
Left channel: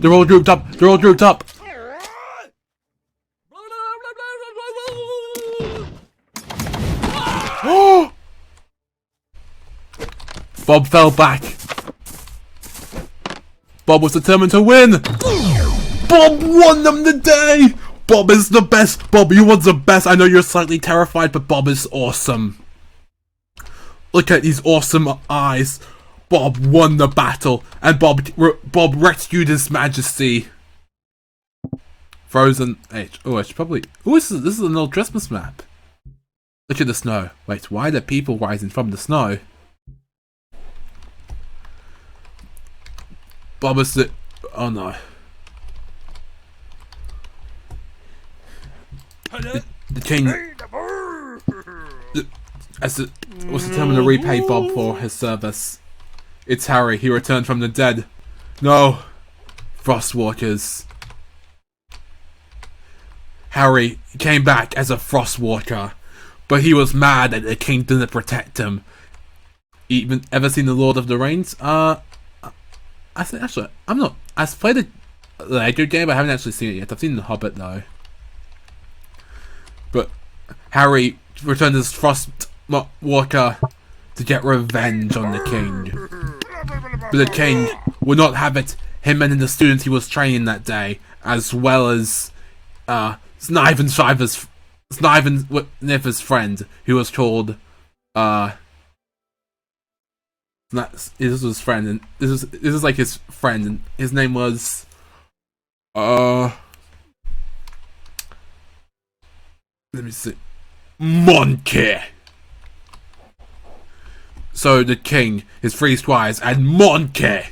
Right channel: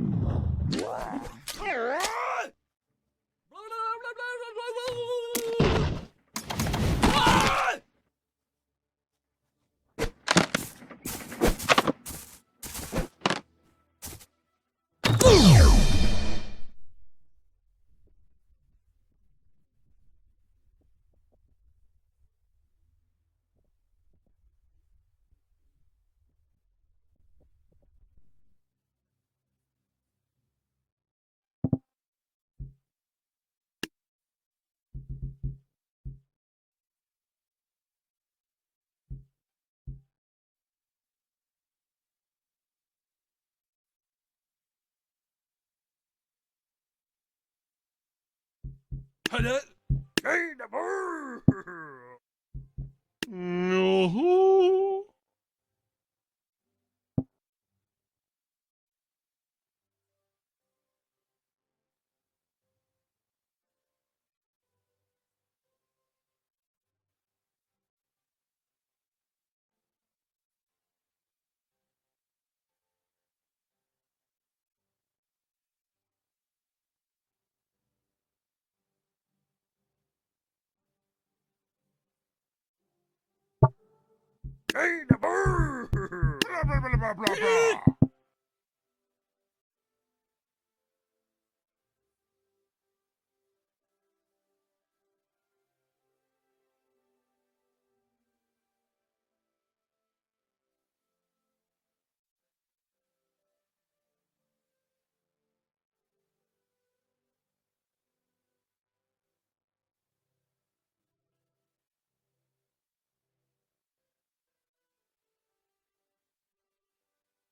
They're all grouped up. They're all grouped up. Bob fell back. Bob was determined to win. Bob won them the day. Bob is the best. Bob, you was the best. I know you're slightly terrified, but Bob is awesome. Look at these awesome eyes. Bob won the battle, and Bob rescued His Majesty. Frozen H. Oh, I should probably. Oh, this is an old Christmas map. Look at the snow. Wait, why are there people rising from the snow? Bob is the. Oh no. The king. Was determined to repay Bob for his service. It's Harry. He returned from the dead. No. Frostwalkers. Harry came back as a Frostwalker, but he was mad that the king didn't protect him. Ever seen The Lord of the Rings? I think actually, I've played the Lego game, but I haven't actually seen it yet. I've seen The Hobbit though. But Harry returned as Frostwalker to get revenge on the king. But the king would not have it. Him and the students he was training that day, as well as Sniven's friend, who was called this was his friend, and this is like his friend, and his name was let me see, Monkey. So the king, his 3 squires, and Monkey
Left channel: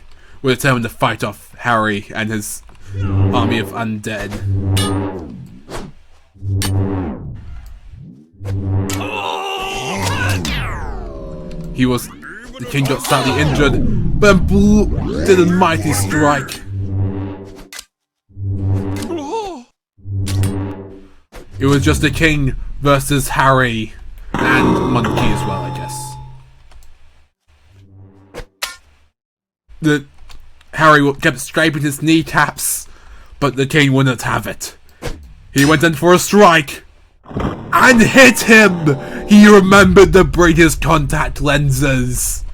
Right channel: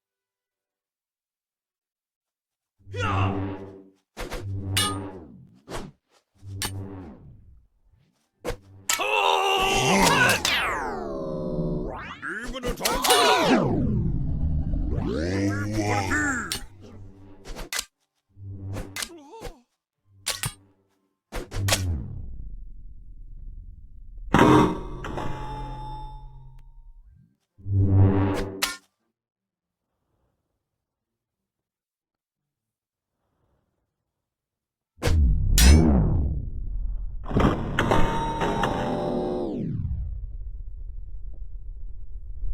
were determined to fight off Harry and his army of undead. The king got slightly injured, but did a mighty strike. It was just the king versus Harry and Monkey as well, I guess. Harry kept scraping his kneecaps, but the king wouldn't have it. He went in for a strike and hit him. He remembered to bring his contact lenses.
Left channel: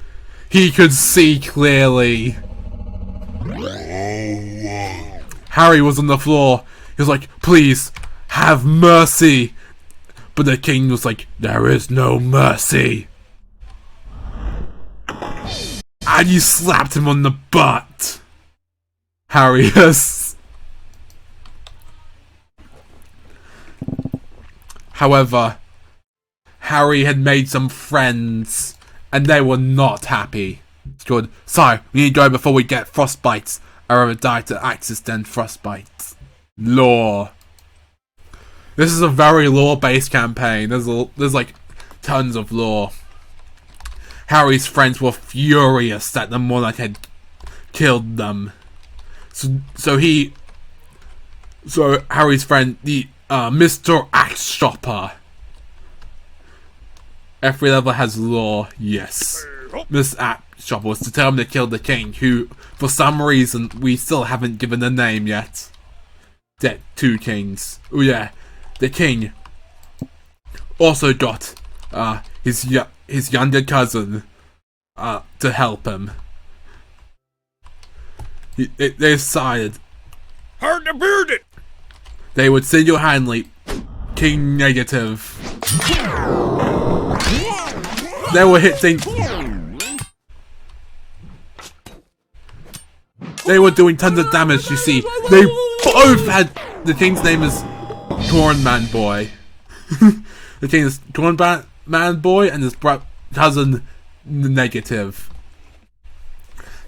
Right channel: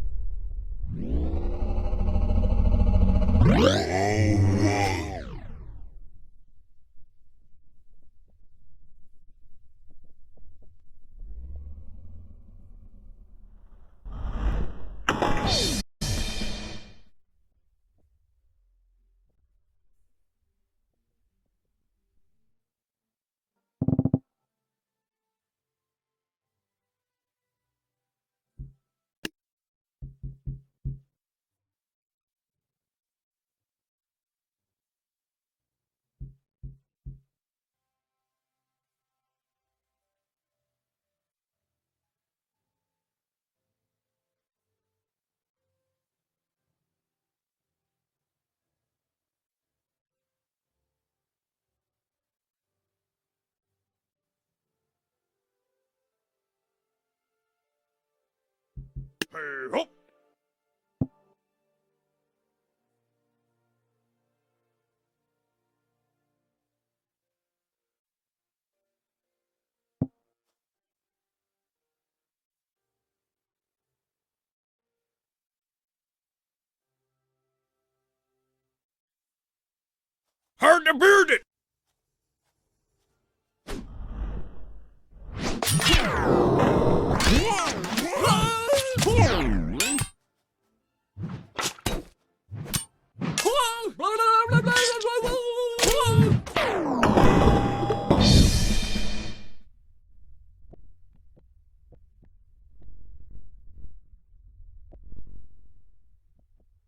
He could see clearly. Harry was on the floor. He was like, please, have mercy. But the king was like, there is no mercy. And he slapped him on the butt. Harry is. However, Harry had made some friends, and they were not happy. It's good. So, we need to go before we get frostbites. I rather die to axes than frostbites. Lore. This is a very lore-based campaign. There's like tons of lore. Harry's friends were furious that the monarch had killed them. So Harry's friend, the Mr. Axe Shopper. Every level has lore, yes. Mr. Axe Shopper was determined to kill the king, who, for some reason, we still haven't given a name yet. Dead 2 kings. Oh yeah, the king also got his younger cousin to help him. They decided hard to beard it. They would single-handedly king negative. They were hitting. They were doing tons of damage. You see, they both had. The king's name is Cornman Boy. The king is Cornman Boy, and his cousin negative.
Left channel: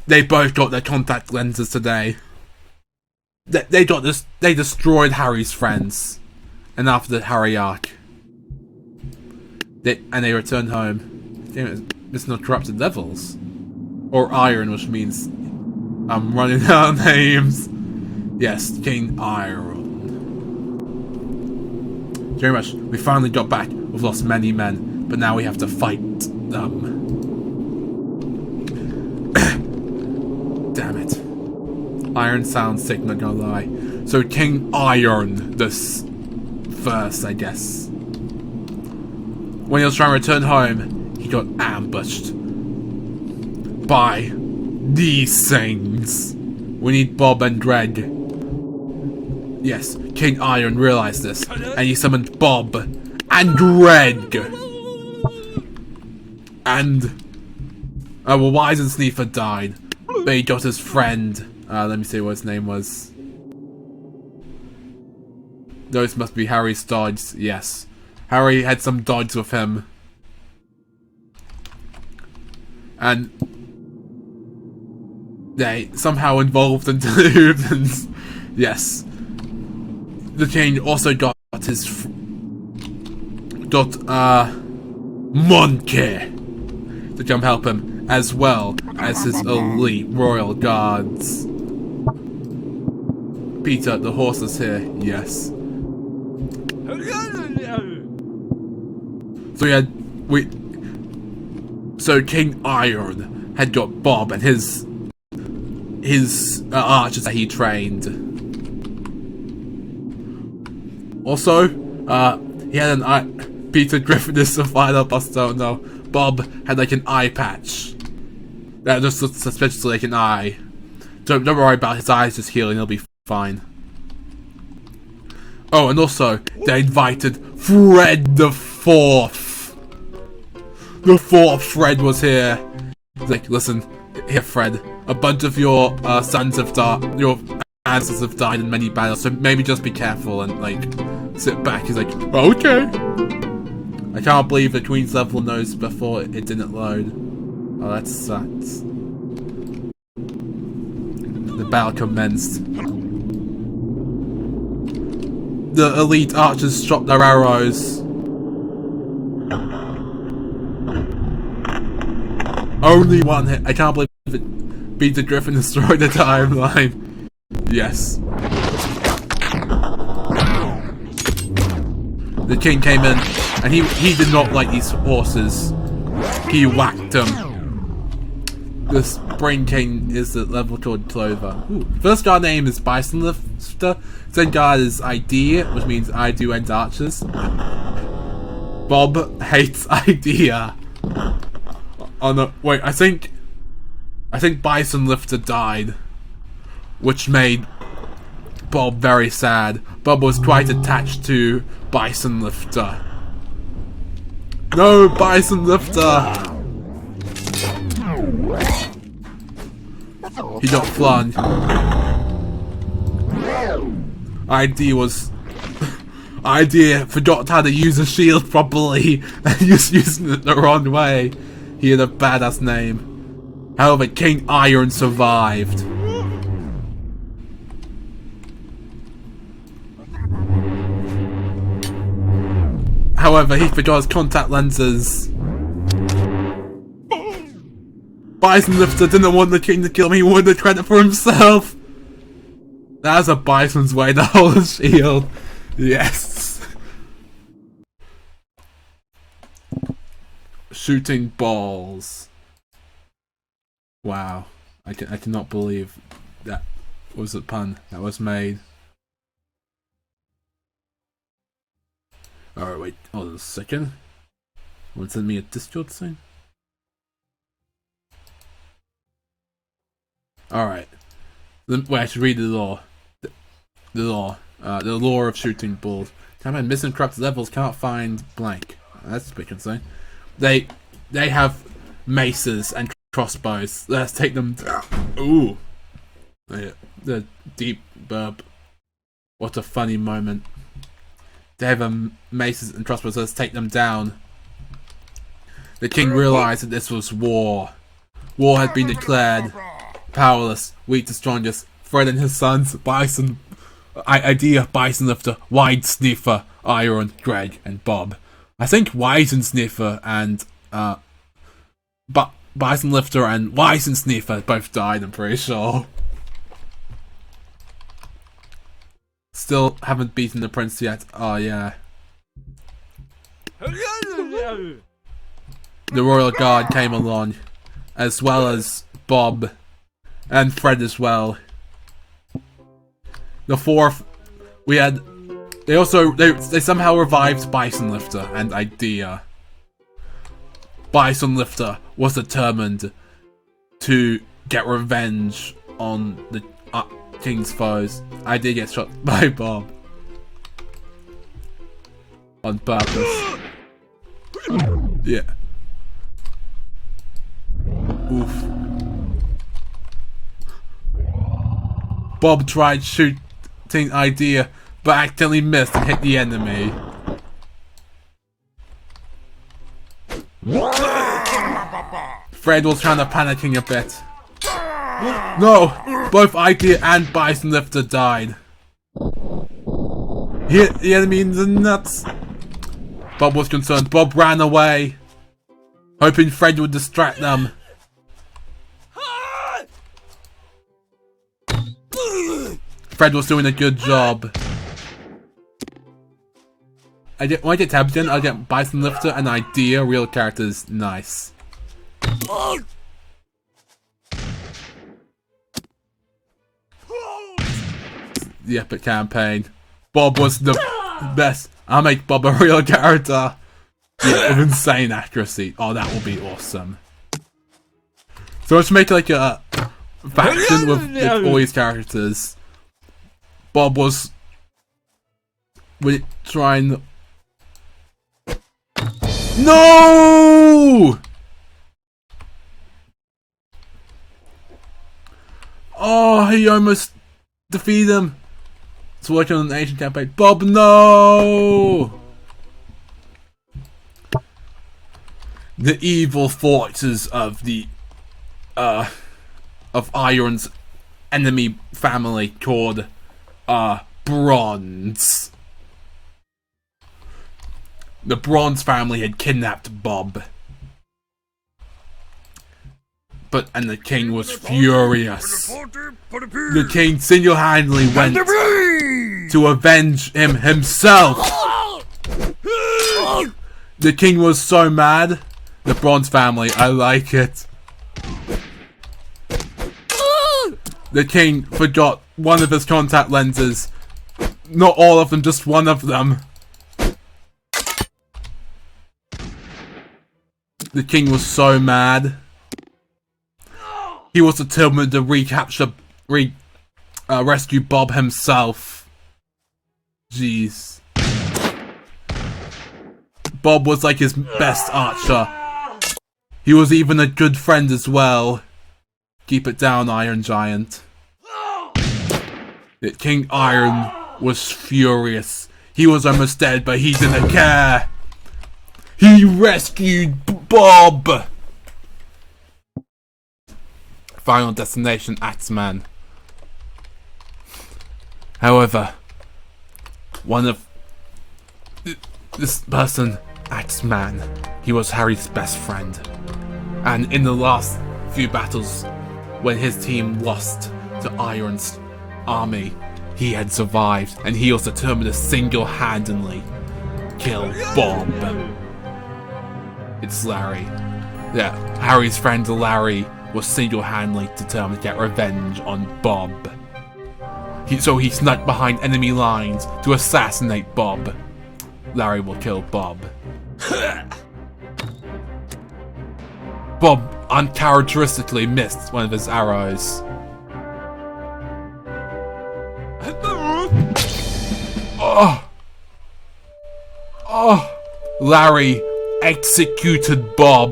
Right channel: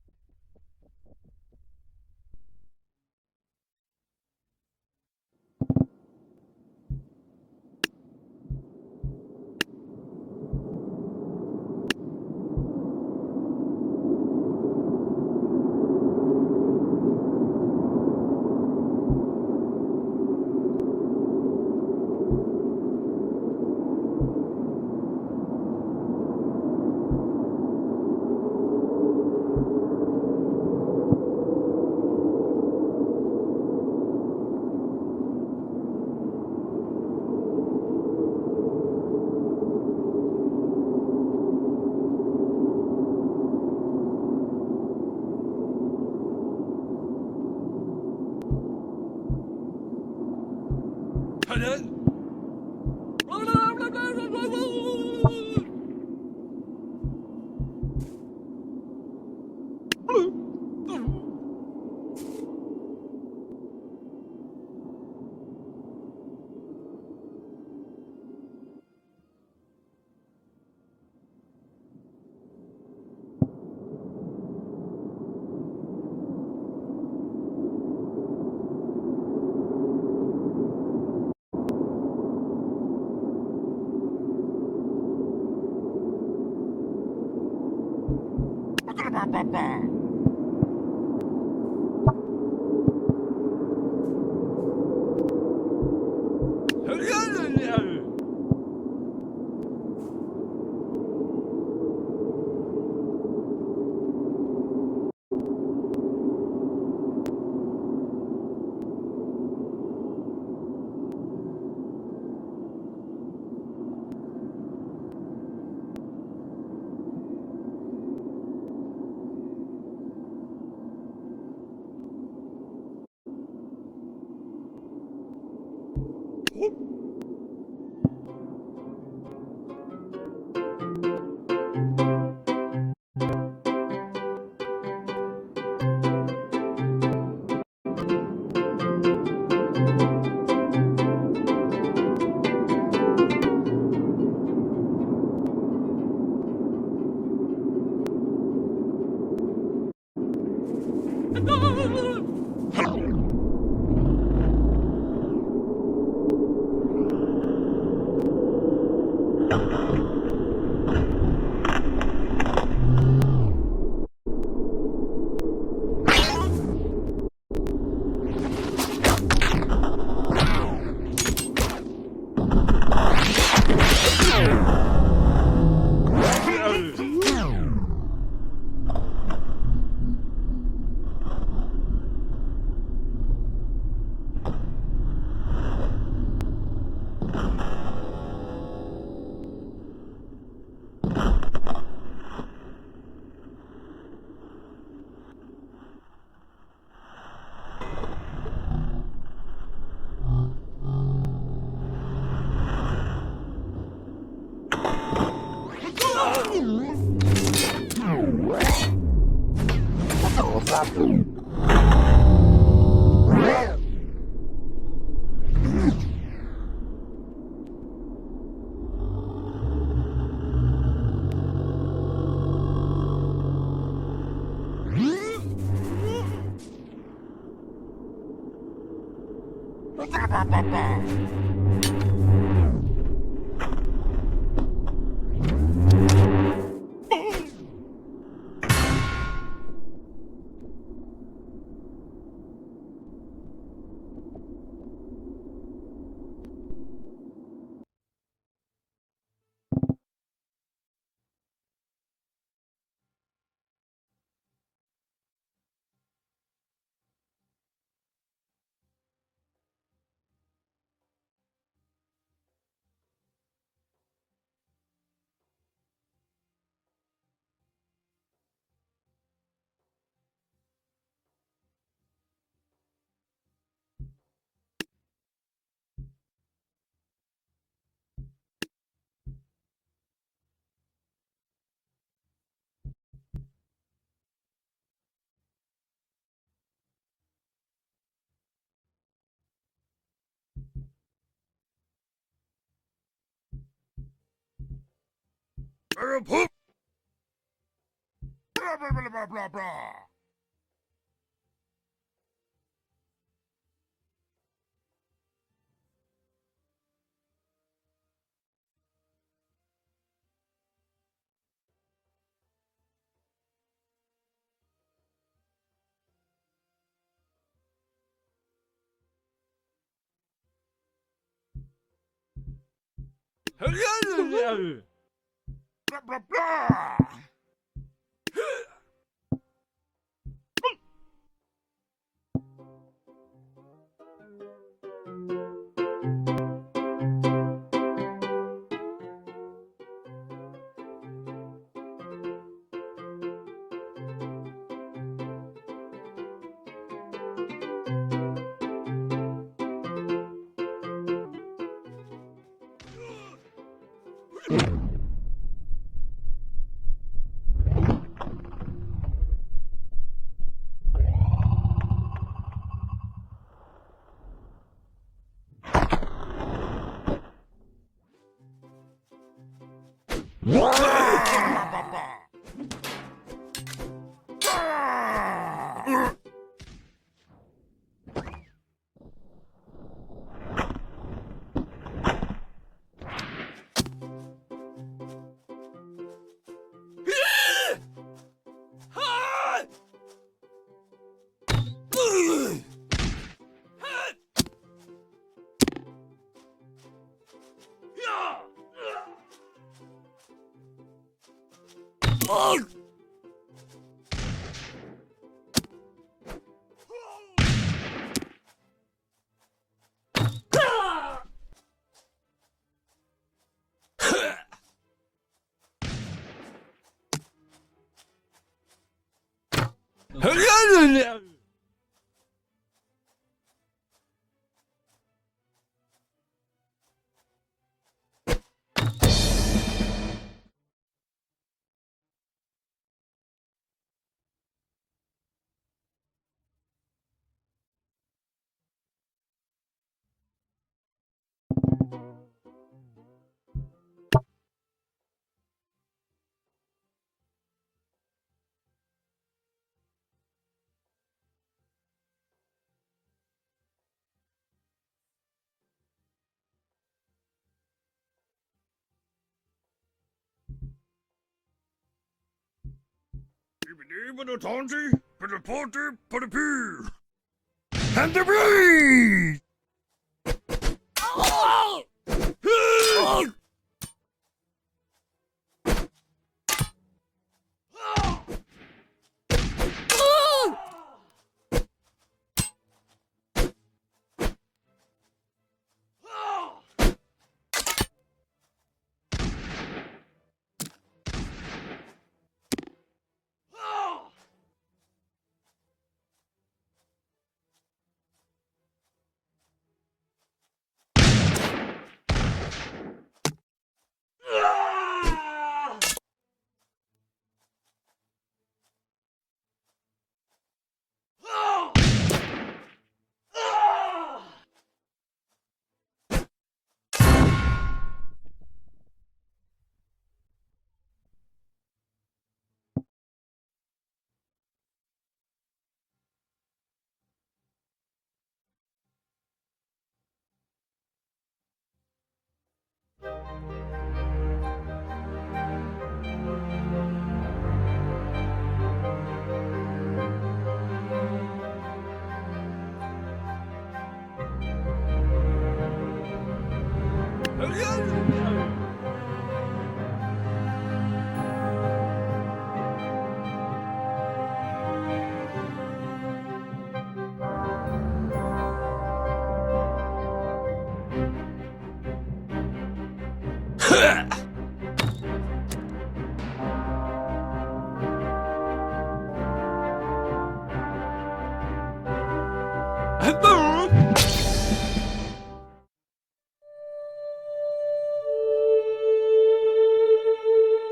They both got their contact lenses today. They destroyed Harry's friends, and after the Harry arc, they returned home. Damn, it's not corrupted levels, or iron, which means I'm running out of names. Yes, King Iron. Very much. We finally got back. We've lost many men, but now we have to fight them. Damn it. Iron sounds sick, not gonna lie. So King Iron this first, I guess. When he was trying to return home, he got ambushed by these things. We need Bob and Greg. Yes, King Iron realized this, and he summoned Bob and Greg. And well, Wise and Sneefer died, but he got his friend. Let me see what his name was. Those must be Harry's dogs. Yes, Harry had some dogs with him, and they somehow involved into the humans. Yes, the king also got his Monkey to come help him, as well as his elite royal guards. Peter, the horse is here. Yes. So King Iron had got Bob and his archers that he trained. Also, he had an eye. Peter Griffin is the final boss. Don't know. Bob had like an eye patch that just looked suspiciously like an eye. Don't worry about his eyes just healing. He'll be fine. Oh, and also they invited Fred the Fourth. The fourth Fred was here. Like, listen, here, Fred. A bunch of your sons have died. Your ancestors have died in many battles, so maybe just be careful and like sit back. He's like, okay. I can't believe the Queen's level knows before it didn't load. Oh, that sucks. The battle commenced. The elite archers shot their arrows. Only one hit. I can't believe it. Peter Griffin destroyed the timeline. Yes. The king came in, and he did not like these horses. He whacked them. The Spring King is the level called Clover. Ooh. First guard name is Bison Lifter. Second guard is Idea, which means I do end archers. Bob hates Idea. Oh no, wait, I think Bison Lifter died, which made Bob very sad. Bob was quite attached to Bison Lifter. No, Bison Lifter! He got flung. Idea forgot how to use a shield properly and was using it the wrong way. He had a badass name. However, King Iron survived. However, he forgot his contact lenses. Bison Lifter didn't want the king to kill him, he wanted the credit for himself. That's a bison's way to hold a shield. Yes. Shooting balls. Wow. I cannot believe that was a pun that was made. Alright, wait. Hold on a second. Want to send me a Discord thing? Alright. Wait, I should read the law. The law of shooting balls. Can't find missing corrupted levels, can't find blank. That's a bit concerning. They have maces and crossbows. Let's take them down. Ooh. The deep burp. What a funny moment. They have maces and crossbows, let's take them down. The king realized that this was war. War had been declared. Powerless, weak to strongest. Fred and his sons, Bison, Idea, Bison Lifter, Wide Sniffer, Iron, Greg, and Bob. I think Wisen Sniffer and Bison Lifter and Wisen Sniffer both died, I'm pretty sure. Still haven't beaten the prince yet. Oh yeah. The royal guard came along, as well as Bob and Fred as well. The fourth, we had. They somehow revived Bison Lifter and Idea. Bison Lifter was determined to get revenge on the king's foes. Idea gets shot by Bob on purpose. Yeah. Oof. Bob tried shooting Idea, but accidentally missed and hit the enemy. Fred was kind of panicking a bit. No! Both Idea and Bison Lifter died. He hit the enemy in the nuts. Bob was concerned. Bob ran away, hoping Fred would distract them. Fred was doing a good job. When I get Tabgen, I'll get Bison Lifter and Idea, real characters. Nice. The epic campaign. Bob was the best. I'll make Bob a real character. Yeah, with insane accuracy. Oh, that will be awesome. So let's make like a faction with all these characters. Bob was trying. No! Oh, he almost defeated him. It's working on an Asian campaign. Bob, no! The evil forces of the of Iron's enemy family called Bronze. The Bronze family had kidnapped Bob. And the king was furious. The king single-handedly went to avenge him himself. The king was so mad. The Bronze family, I like it. The king forgot one of his contact lenses. Not all of them, just one of them. The king was so mad. He was determined to rescue Bob himself. Jeez. Bob was like his best archer. He was even a good friend as well. Keep it down, Iron Giant. King Iron was furious. He was almost dead, but he didn't care. He rescued Bob. Final destination, Axeman. However, one of this person, Axeman, he was Harry's best friend. And in the last few battles, when his team lost to Iron's army, he had survived, and he was determined to single-handedly kill Bob. It's Larry. Yeah, Harry's friend Larry was single-handedly determined to get revenge on Bob. So he snuck behind enemy lines to assassinate Bob. Larry will kill Bob. Bob uncharacteristically missed one of his arrows. Larry executed Bob.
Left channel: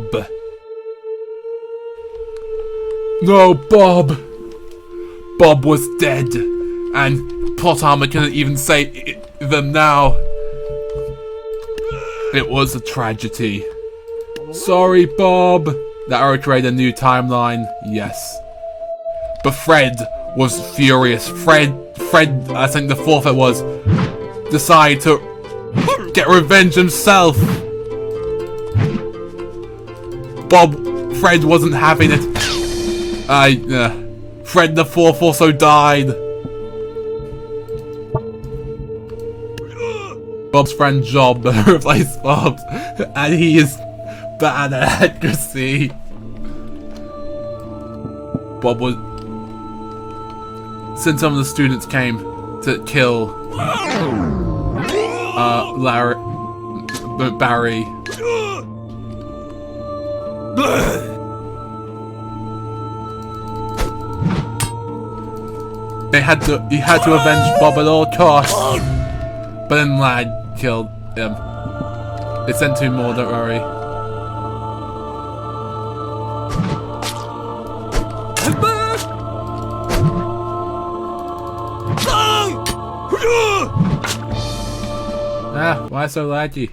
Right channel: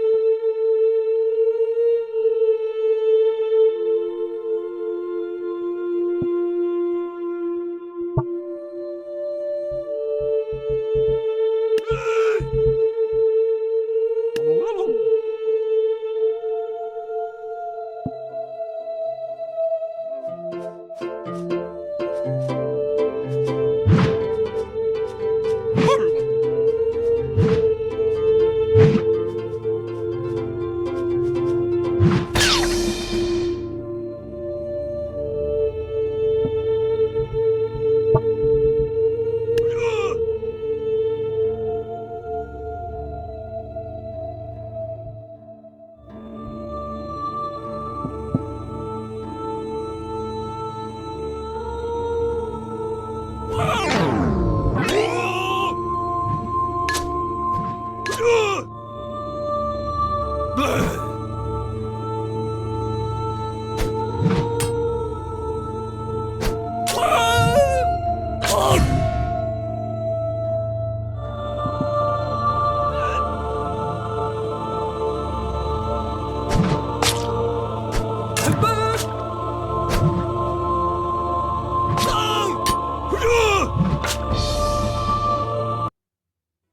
No, Bob. Bob was dead, and plot armor couldn't even save them now. It was a tragedy. Sorry, Bob. That arrow created a new timeline. Yes. But Fred was furious. Fred, I think the fourth it was, decided to get revenge himself. Fred wasn't having it. Fred the fourth also died. Bob's friend Job replaced Bob, and he is bad at accuracy. Bob was... Since some of the students came to kill Barry. He had to avenge Bob at all costs. But then Lad killed him. They sent two more, don't worry. Ah, why so laggy?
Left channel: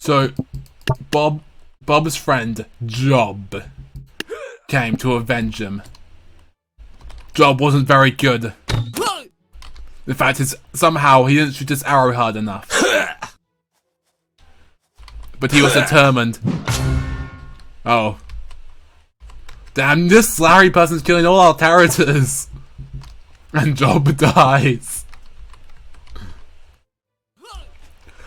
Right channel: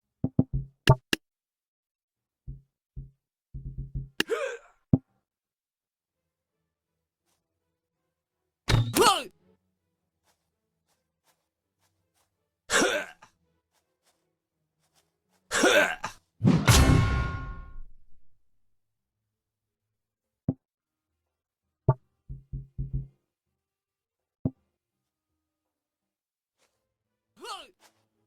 So, Bob's friend, Job, came to avenge him. Job wasn't very good. In fact, somehow he didn't shoot his arrow hard enough. But he was determined. Oh. Damn, this Larry person's killing all our characters. And Job dies.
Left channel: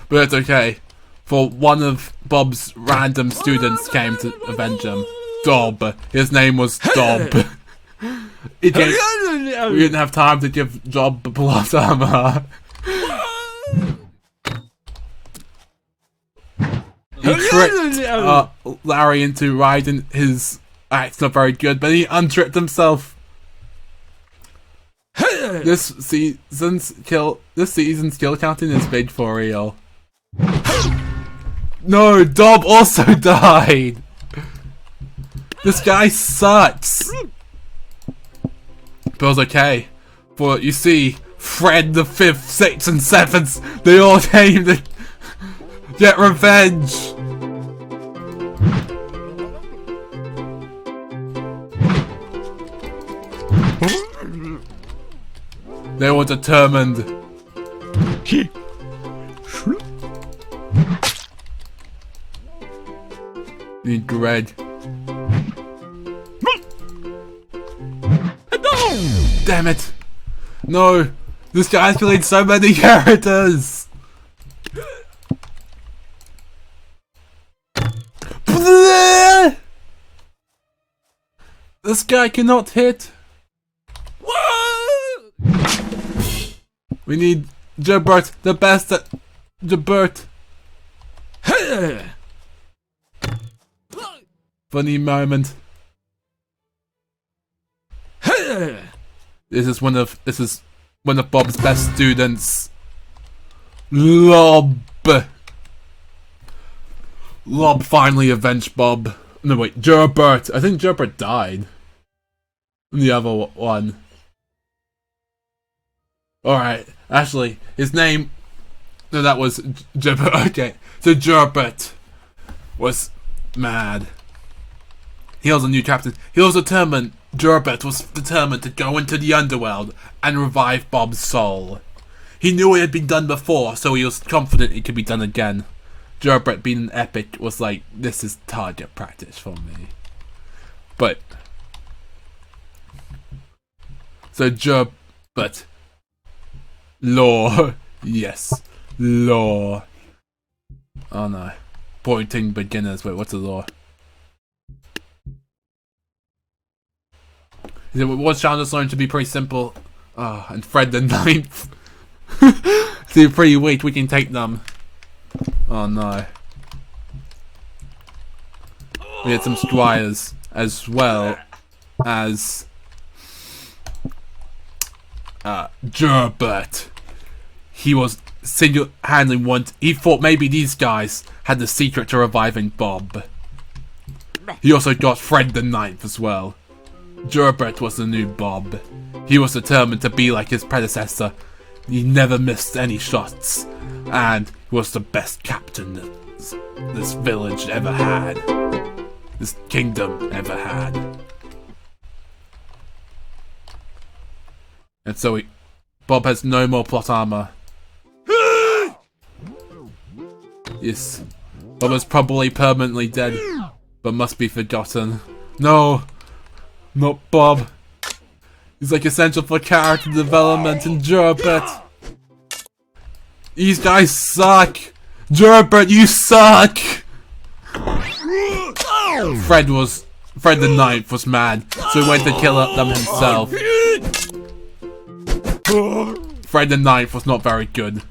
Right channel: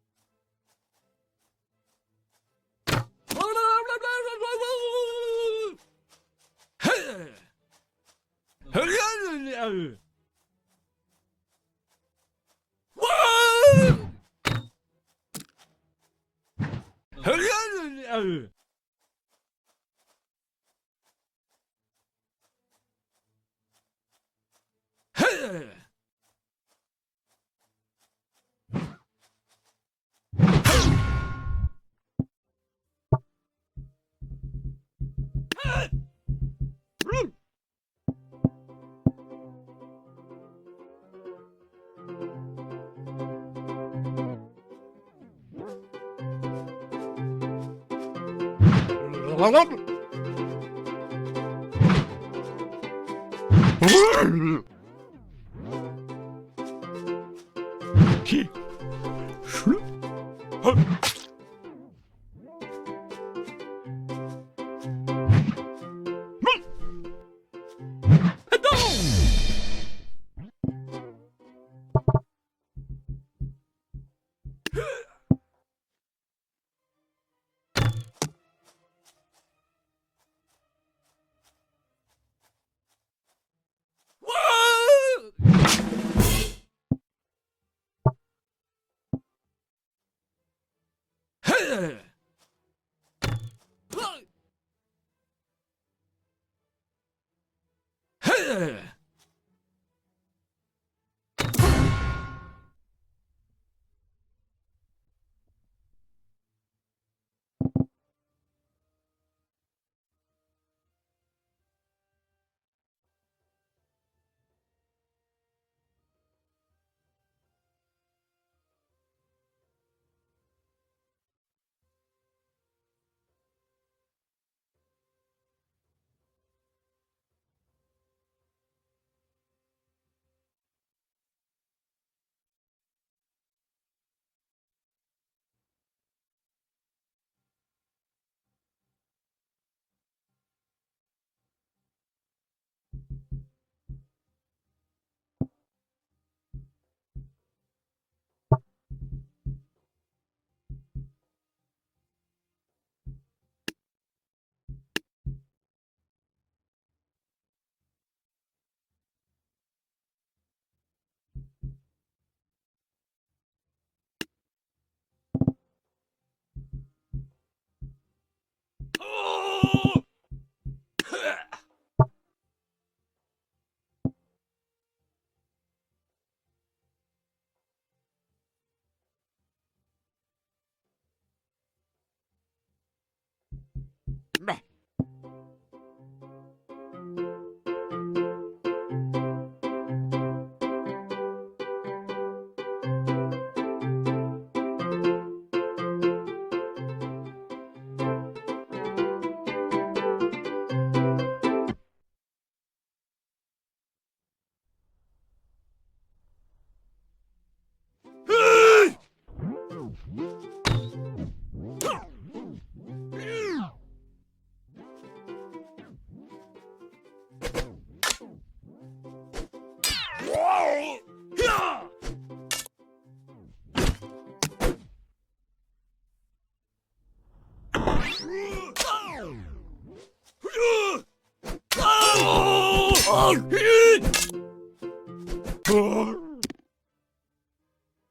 But it's okay. For one of Bob's random students came to avenge him. Dob. His name was Dob. We didn't have time to give Job plot armor. He tricked Larry into riding his axe not very good, but he untricked himself. This season's kill counting is big for real. No, Dob also died! This guy sucks! But it was okay. For, you see, Fred the 5th, 6th, and 7th, they all came to get revenge! They were determined. Need Greg. Damn it! No! This guy's killing so many characters! This guy cannot hit! We need Jabert, the best at Jabert. Funny moment. This is one of Bob's best students. Lob finally avenged Bob. No wait, Gerbert. I think Gerbert died. And the other one. Alright, actually, his name... No, that was Gerbert. Okay, so Gerbert was mad. He was a new captain. He was determined. Gerbert was determined to go into the underworld and revive Bob's soul. He knew it had been done before, so he was confident it could be done again. Gerbert, being an epic, was like, this is target practice for me. But... So Gerbert... Law. Yes. Law. Oh no. Pointing beginners. Wait, what's the law? It was Chandler's learned to be pretty simple. Oh, and Fred the 9th. They're pretty weak, we can take them. Oh no. We had some squires as well as Gerbert. He was single-handedly he thought maybe these guys had the secret to reviving Bob. He also got Fred the 9th as well. Gerbert was the new Bob. He was determined to be like his predecessor. He never missed any shots, and was the best captain this village ever had. This kingdom ever had. And so Bob has no more plot armor. Yes, Bob is probably permanently dead, but must be forgotten. No, not Bob. He's like essential for character development in Gerbert. These guys suck. Gerbert, you suck. Fred the Ninth was mad, so he went to kill them himself. Fred the Ninth was not very good.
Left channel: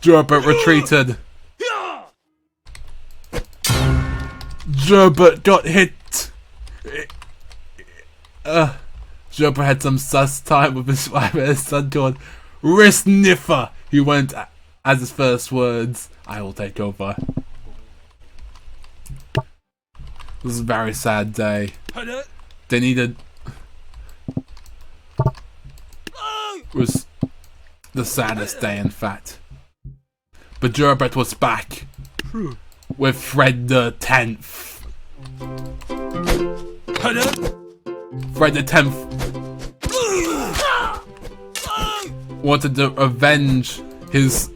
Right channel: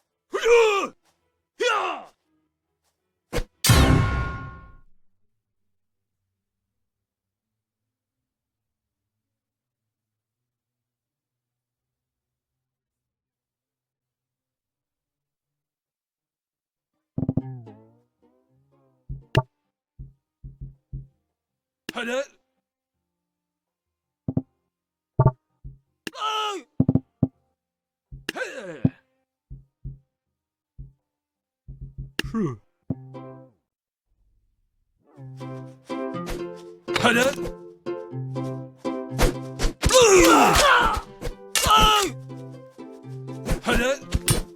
Gerbert retreated. Gerbert got hit. Gerbert had some sus time with his wife and his son called Wrist Sniffer. He went as his first words, "I will take over." This was a very sad day. They needed... It was the saddest day, in fact. But Gerbert was back with Fred the 10th. Fred the 10th wanted to avenge his...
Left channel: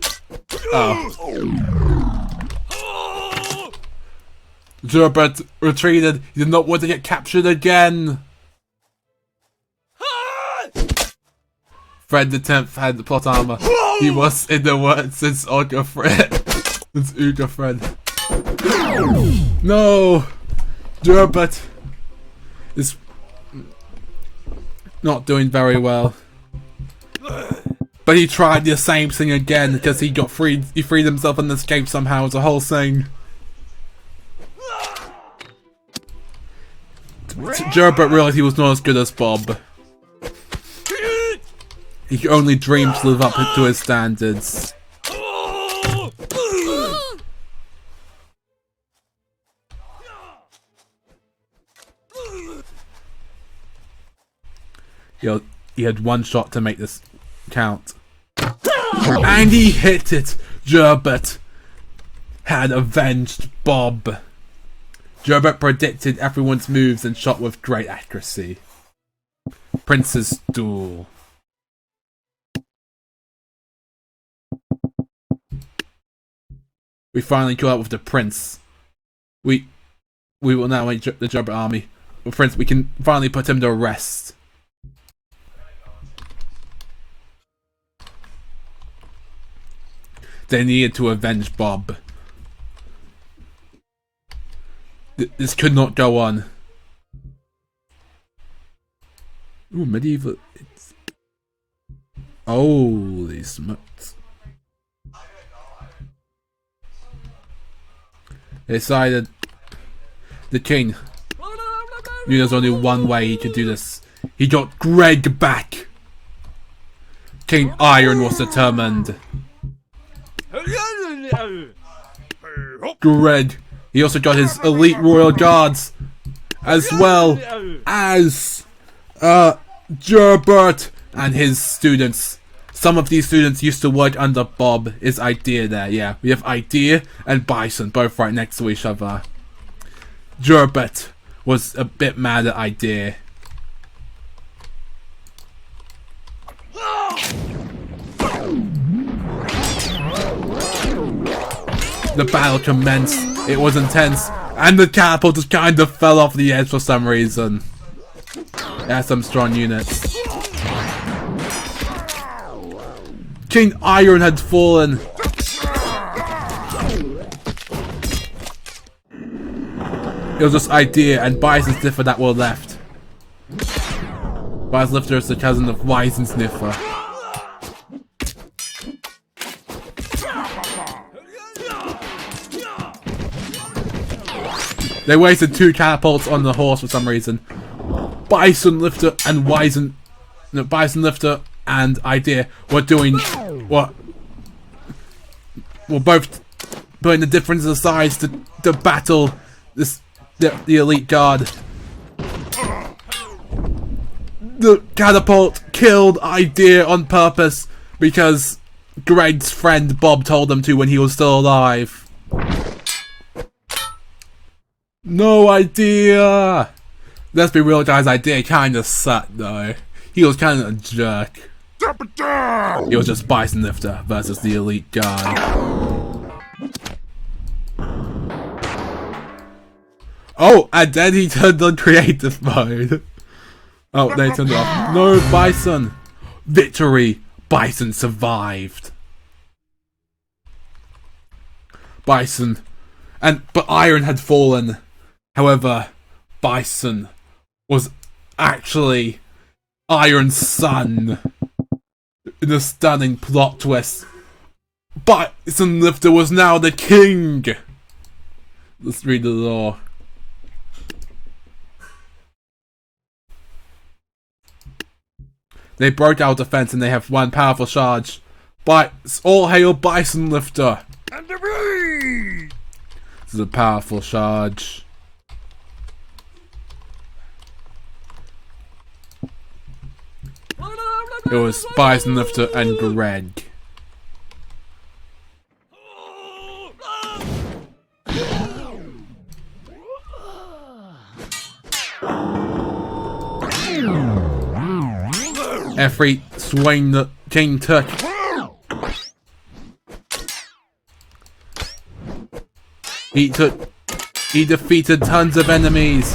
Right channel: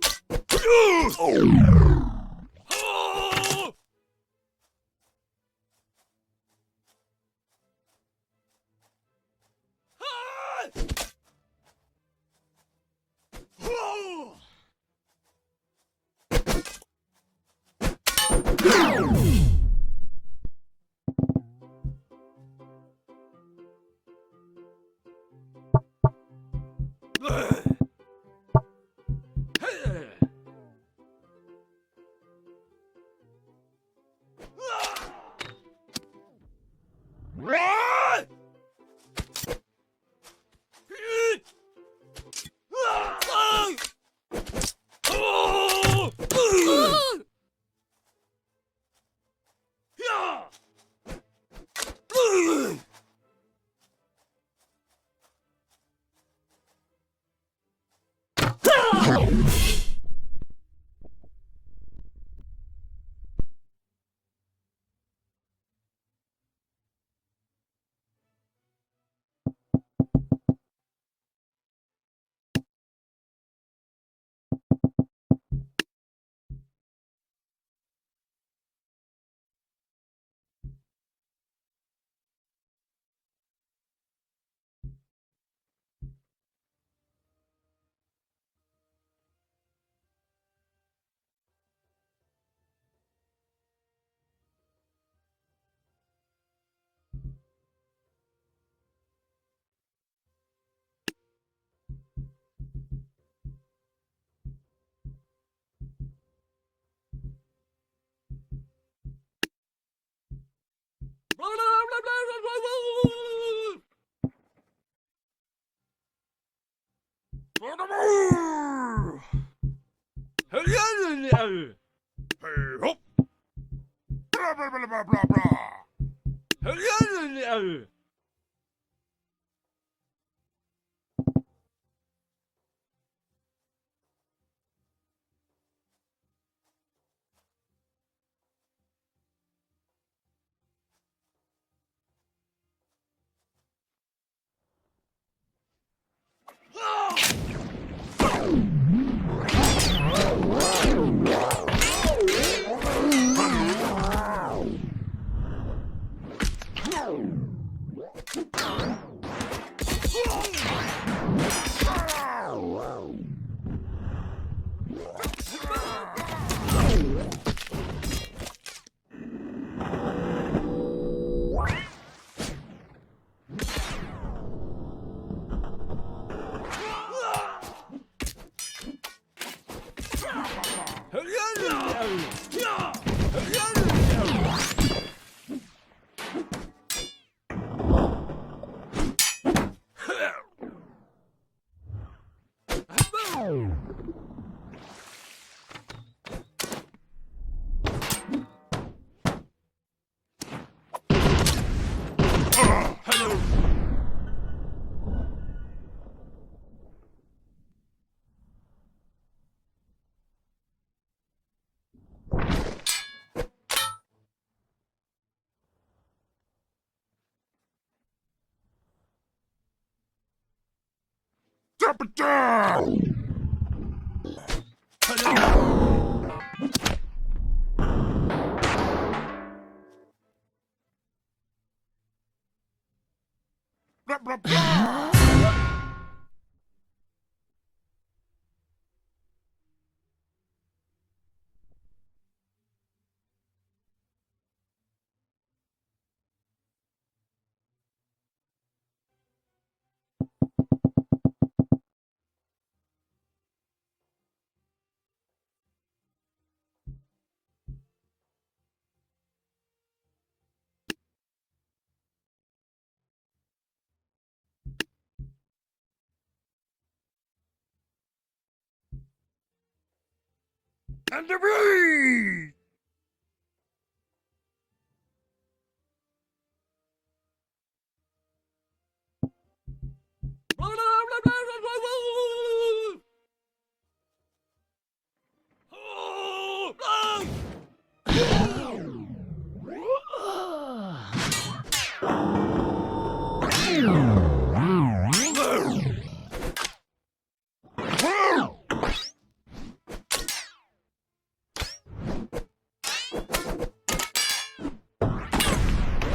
Gerbert retreated. He did not want to get captured again. Fred the 10th had the plot armor. He was, in the words, since Uga Fred. No! Gerbert is not doing very well. But he tried the same thing again because he got freed. He freed himself and escaped somehow. It was a whole thing. Gerbert realized he was not as good as Bob. He could only dream to live up to his standards. He had one shot to make this count. And he hit it! Gerbert had avenged Bob. Gerbert predicted everyone's moves and shot with great accuracy. Prince's Duel. We finally caught up with the prince. We will now make the Gerbert army. Well, Prince, we can finally put him to rest. They needed to avenge Bob. This could not go on. Ooh, medieval. Holy smokes. They decided the king knew there's only one way he could do this. He got Greg back. King Iron was determined. Greg. He also got his elite royal guards, as well as Gerbert and his students. Some of these students used to work under Bob. Is Idea there? Yeah, we have Idea and Bison, both right next to each other. Gerbert was a bit mad at Idea. The battle commenced. It was intense, and the catapult just kind of fell off the edge for some reason. It had some strong units. King Iron had fallen. It was just Idea and Bison Sniffer that were left. Bison Sniffer is the cousin of Wise and Sniffer. They wasted 2 catapults on the horse for some reason. Bison Lifter and Bison Lifter and Idea were doing what? Were both putting the differences aside to battle the elite guard. The catapult killed Idea on purpose because Greg's friend Bob told him to when he was still alive. No Idea! Let's be real, guys, Idea kinda sucked though. He was kinda a jerk. Drop it down! He was just Bison Lifter versus the elite guy. Oh, and then he turned on creative mode. Oh, they turned off. No, Bison! Victory! Bison survived. Bison. But Iron had fallen. However, Bison was actually Iron's son. In a stunning plot twist, Bison Lifter was now the king! Let's read the lore. They broke our defense and they have one powerful charge. All hail Bison Lifter! And the me! This is a powerful charge. It was Bison Lifter and Greg. Every swing the king took. He defeated tons of enemies.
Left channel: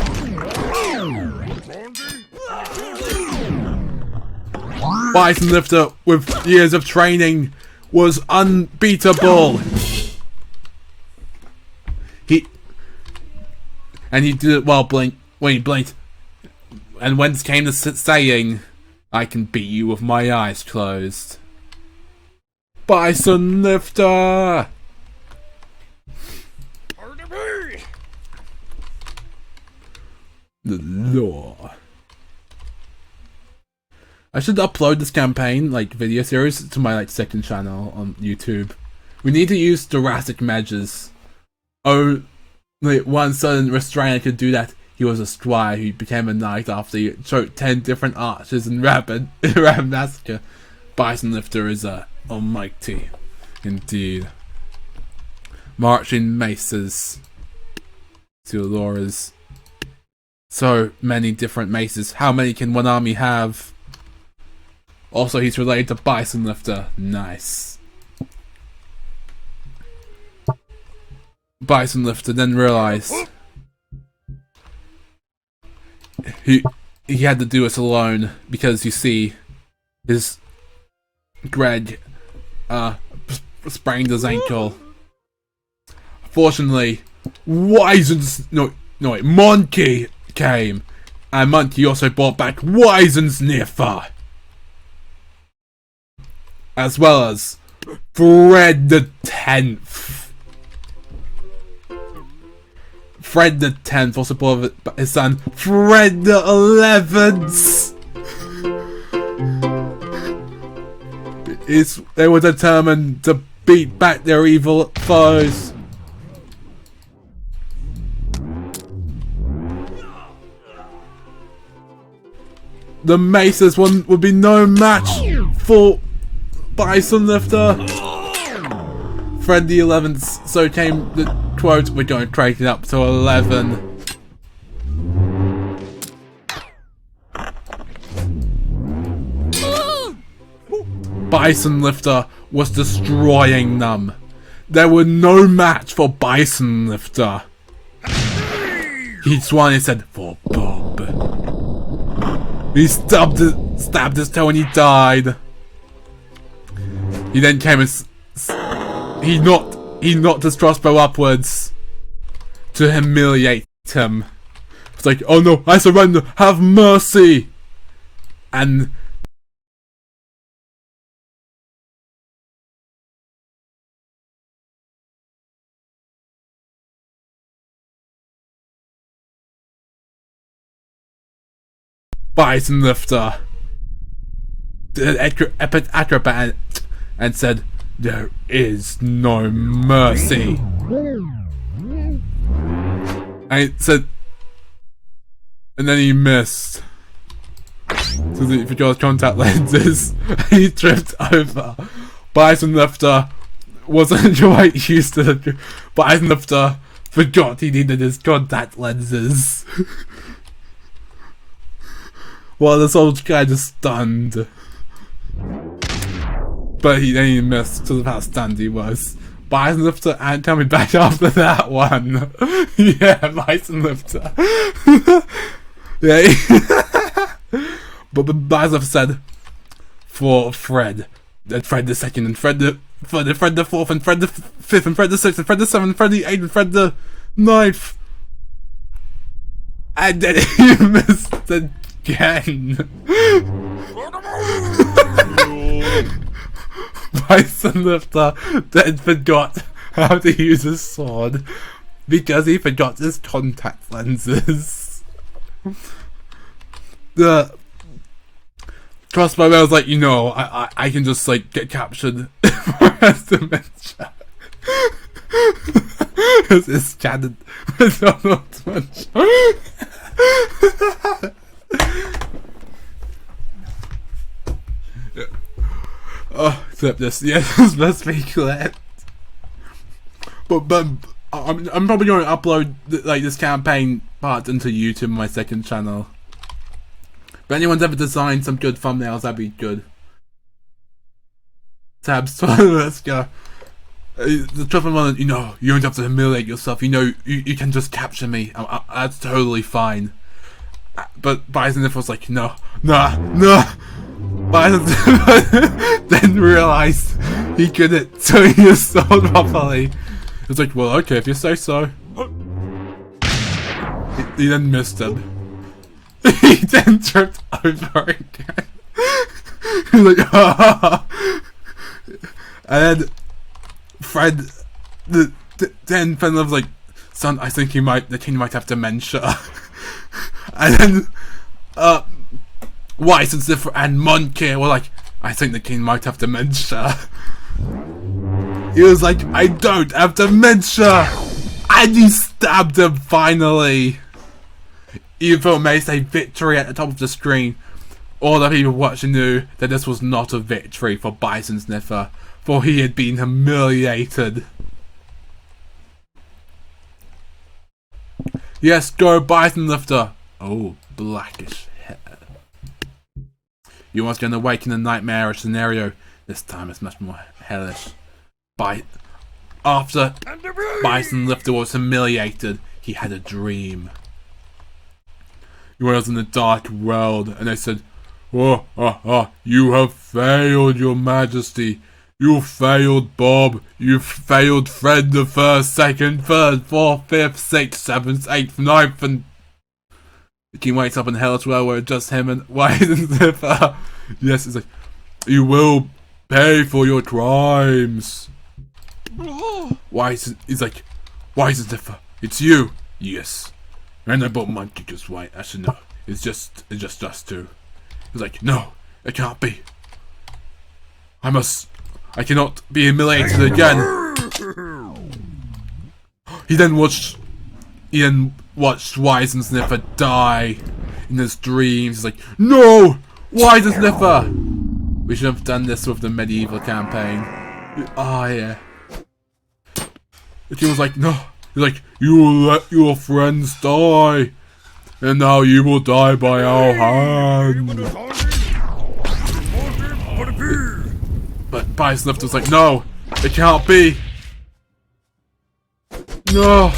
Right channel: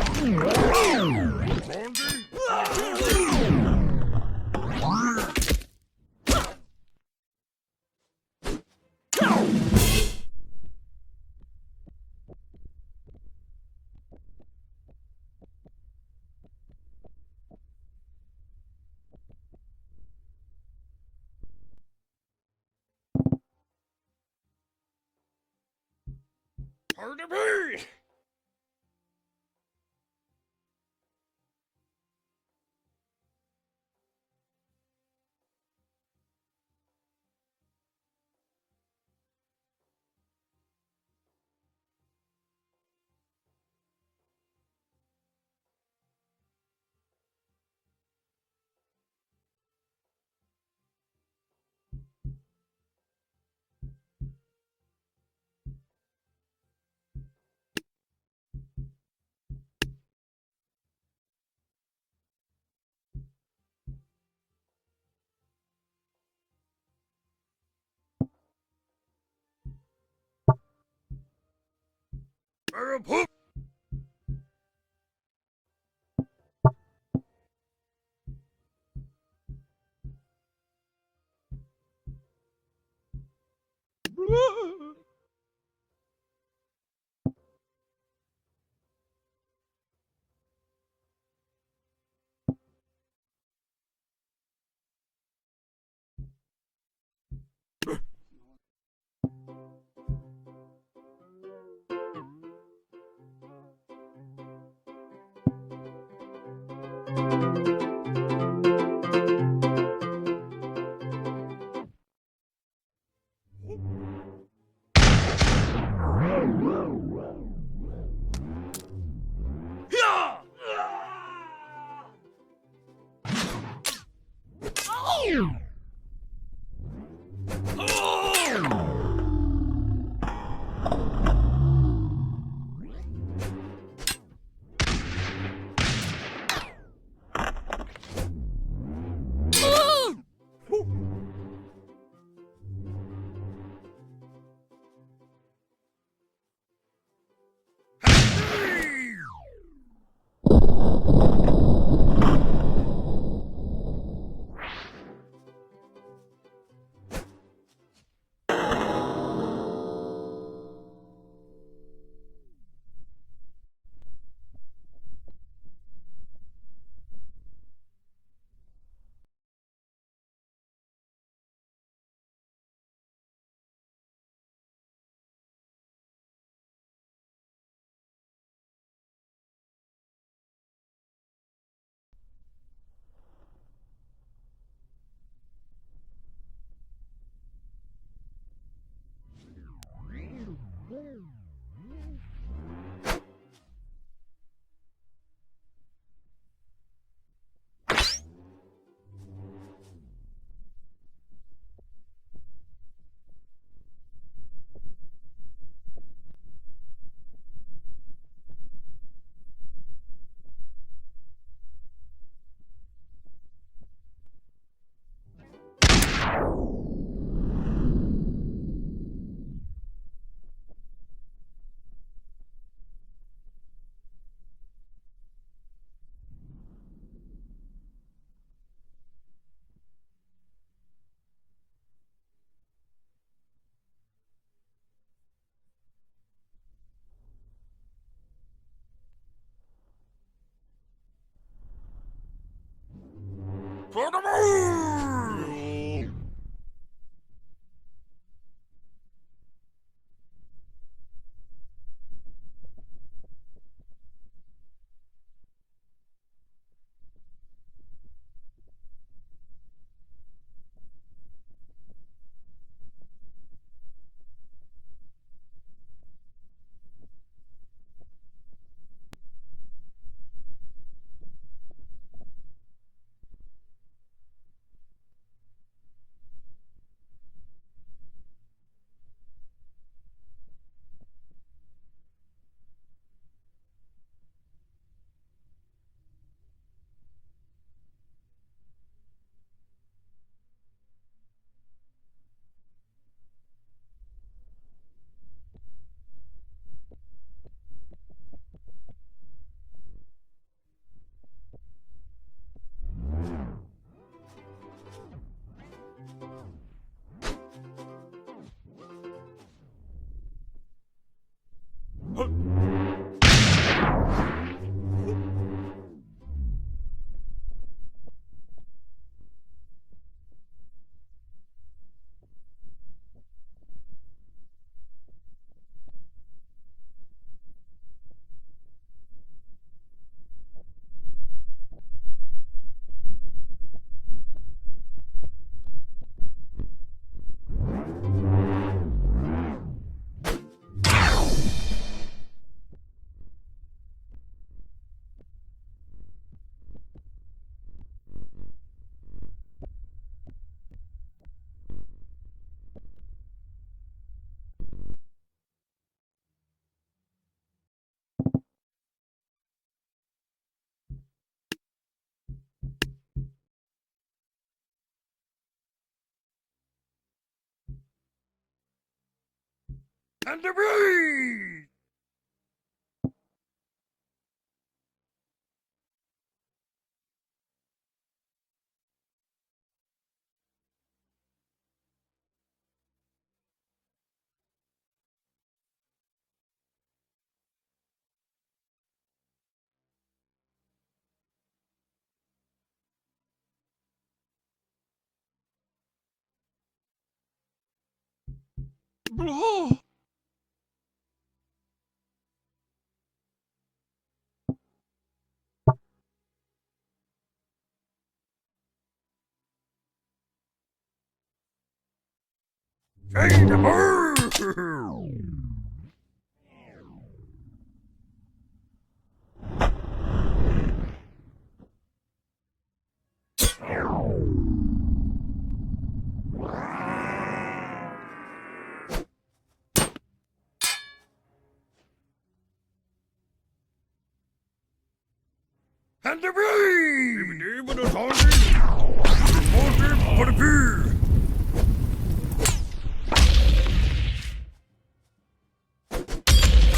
Bison Lifter, with years of training, was unbeatable. He did it while when he blinked. And when it came to saying, "I can beat you with my eyes closed." Bison Lifter! Pardon me! The lore. I should upload this campaign, video series, to my, second channel on YouTube. We need to use drastic measures. One certain restrainer could do that. He was a squire who became a knight after he choked 10 different archers in Rapid Massacre. Bison Lifter is almighty. Indeed. Marching maces. To Laura's. So many different maces. How many can one army have? Also, he's related to Bison Lifter. Nice. Bison Lifter then realized he had to do it alone because, you see, his Greg sprained his ankle. Fortunately, Monkey came, and Monkey also brought back Weisensniffer, as well as Fred the 10th. Fred the 10th also brought his son Fred the 11th. They were determined to beat back their evil foes. The maces would be no match for Bison Lifter. Fred the 11th, so came the quote, "We're going to crank it up to 11. Bison Lifter was destroying them. There were no match for Bison Lifter. He swung and said, "For Bob." He stabbed his toe and he died. He then came and he knocked his crossbow upwards to humiliate him. It's like, "Oh no, I surrender, have mercy!" And Bison Lifter did an epic acrobat and said, "There is no mercy." And and then he missed. So he forgot contact lenses. He tripped over. Bison Lifter wasn't quite used to the. Bison Lifter forgot he needed his contact lenses. Well, the soldier kind of stunned. But then he missed because of how stunned he was. Bison Lifter and coming back after that one. Yeah, Bison Lifter. Yeah. But Bison Lifter said for Fred. Then Fred the second, and Fred the third, and Fred the fourth, and Fred the fifth, and Fred the sixth, and Fred the seventh, and Fred the eighth, and Fred the ninth. And then he missed again. Bison Lifter then forgot how to use his sword because he forgot his contact lenses. The crossbow man was like, you know, I can just like get captured for his dementia. It's chatted with Donald Munch. Oh, except this, yes, this must be clipped. But I'm probably going to upload like this campaign part into YouTube on my second channel. If anyone's ever designed some good thumbnails, that'd be good. Tabs, let's go. The trouble one, you know, you don't have to humiliate yourself. You know, you can just capture me. That's totally fine. But Bison was like, no. Bison then realized he couldn't turn his sword properly. It's like, well, okay, if you say so. He then missed him. He then tripped over again. He's like, ah. And then Fred, then Fred was like, son, I think the king might have dementia. And then, Weiss and Ziffer and Monkey were like, I think the king might have dementia. He was like, I don't have dementia! And he stabbed him finally! Even though it may say victory at the top of the screen, all the people watching knew that this was not a victory for Bison Sniffer, for he had been humiliated. Yes, go Bison Lifter! Oh, blackish hair. You must gonna awaken a nightmarish scenario. This time it's much more hellish. After Bison Lifter was humiliated, he had a dream. He was in a dark world, and they said, you have failed, your majesty. You failed Bob. You failed Fred the first, second, third, fourth, fifth, sixth, seventh, eighth, ninth, and the king wakes up in Hell's Well where it's just him and Weiss and Ziffer. Yes, it's like, you will pay for your crimes. Weiss is like, Weiss and Ziffer, it's you. Yes. And I bought Monkey because why? Actually no. It's just us two. He's like, no, it can't be. I cannot be humiliated again. He then watched Weiss and Sniffer die in his dreams. He's like, no! Weiss and Sniffer! We should have done this with the medieval campaign. Oh, yeah. The king was like, no. He's like, you will let your friends die. And now you will die by our hand. But Weiss and Sniffer was like, no! It can't be! No!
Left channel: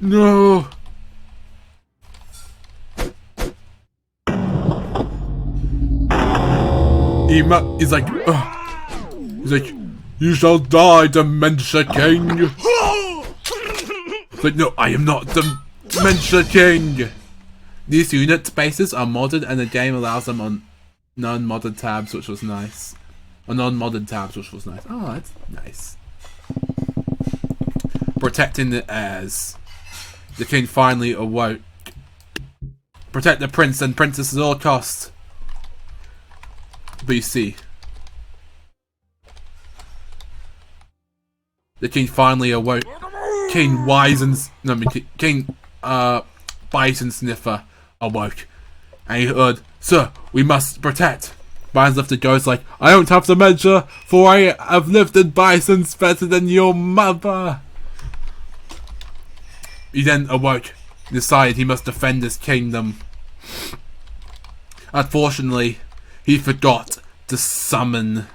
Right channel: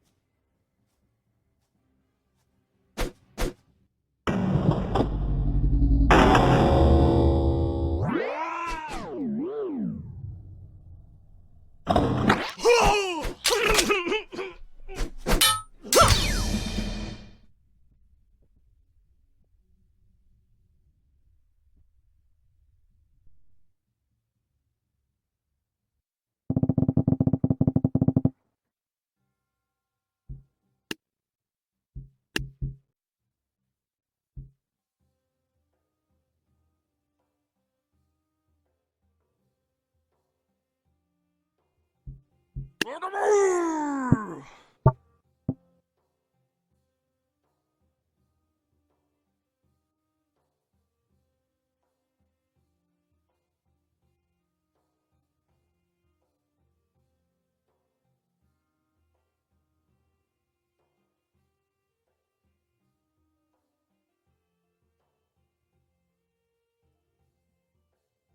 No! He's like, he's like, you shall die, Dementia King! He's like, no, I am not Dementia King! These unit spaces are modded and the game allows them on non-modded tabs, which was nice. Or non-modded tabs, which was nice. Oh, that's nice. Protecting the heirs. The king finally awoke. Protect the prince and princess at all costs. BC. The king finally awoke. King Bison Sniffer awoke, and he heard, "Sir, we must protect." Bison Sniffer goes like, "I don't have to measure, for I have lifted bisons better than your mother." He then awoke, decided he must defend his kingdom. Unfortunately, he forgot to summon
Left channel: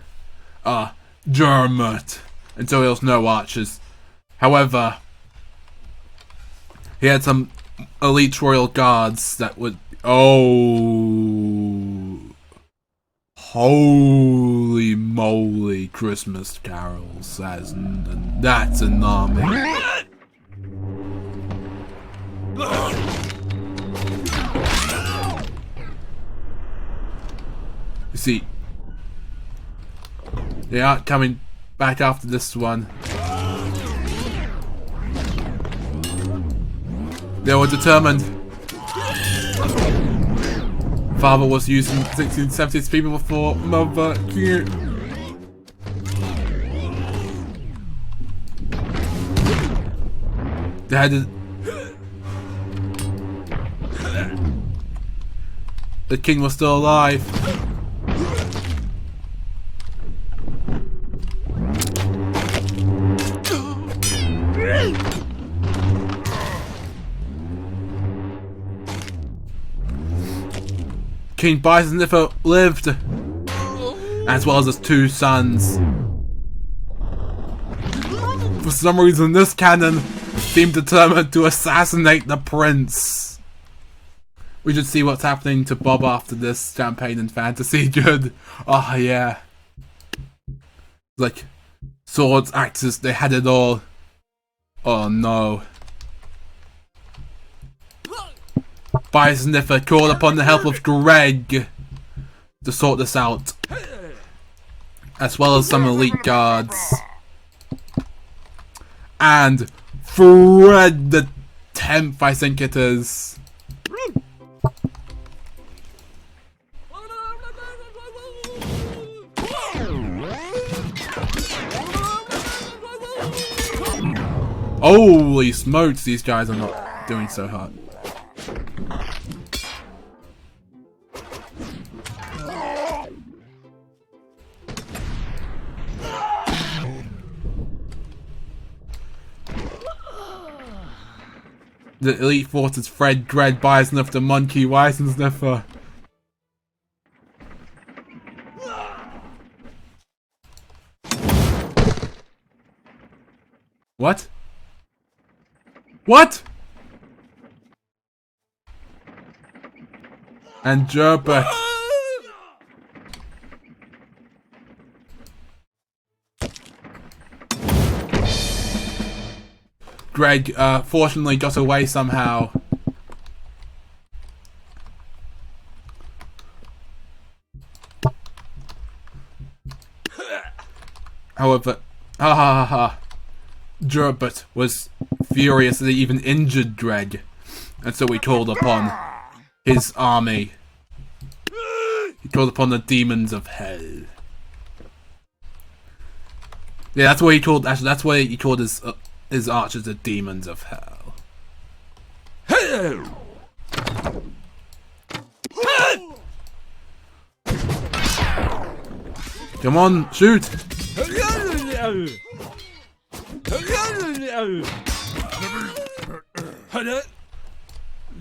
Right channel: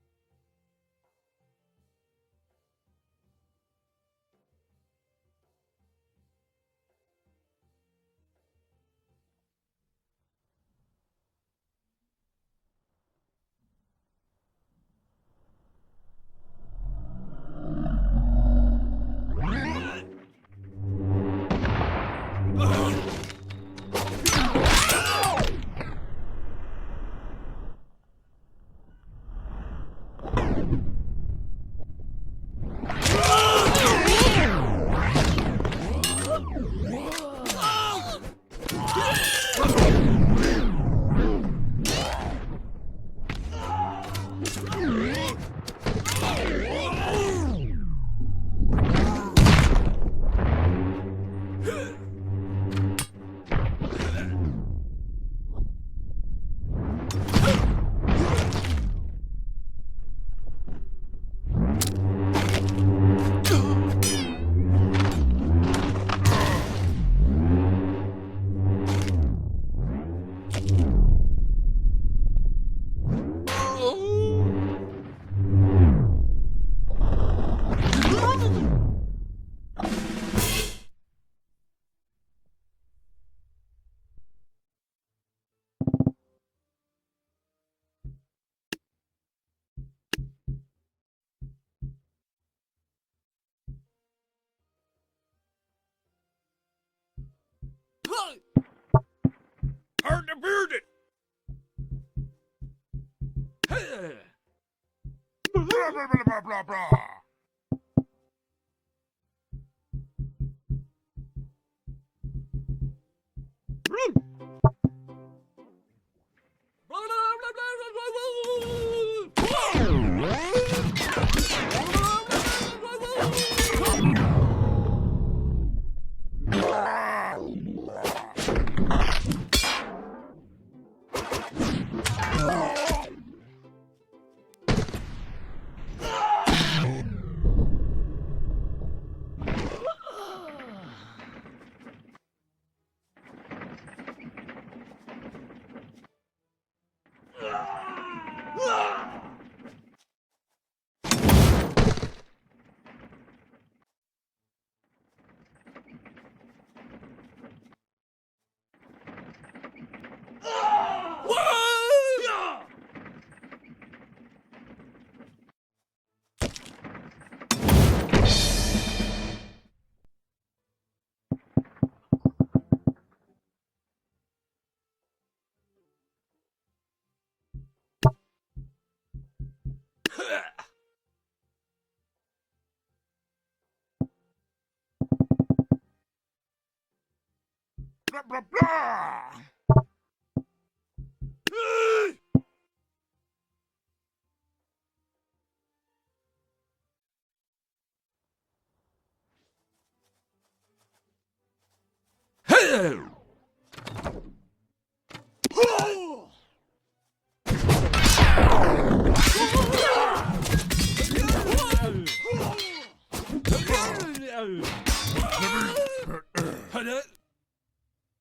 Dermot, and so there was no archers. However, he had some elite royal guards that would... Oh... Holy moly, Christmas carols. That's an army. You see, they aren't coming back after this one. They were determined. Father was using 1670s people before mother. They had to... The king was still alive. King Bison Sniffer lived, as well as his two sons. For some reason, this canon seemed determined to assassinate the prince. We should see what's happening to Bob after this campaign in fantasy. Good. Oh yeah. Like, swords, axes, they had it all. Oh no. Bison Sniffer called upon the help of Greg to sort this out, as well as some elite guards. And Fred the 10th, I think it is. Holy smokes, these guys are doing so hard. The elite forces Fred, Greg, Bison Sniffer, the Monkey, Bison Sniffer. What? What? And Gerbert. Greg, fortunately got away somehow. However, Gerbert was furious that he even injured Greg, and so he called upon his army. He called upon the demons of hell. Yeah, that's what he called. Actually, that's what he called his archers, the demons of hell. Come on, shoot!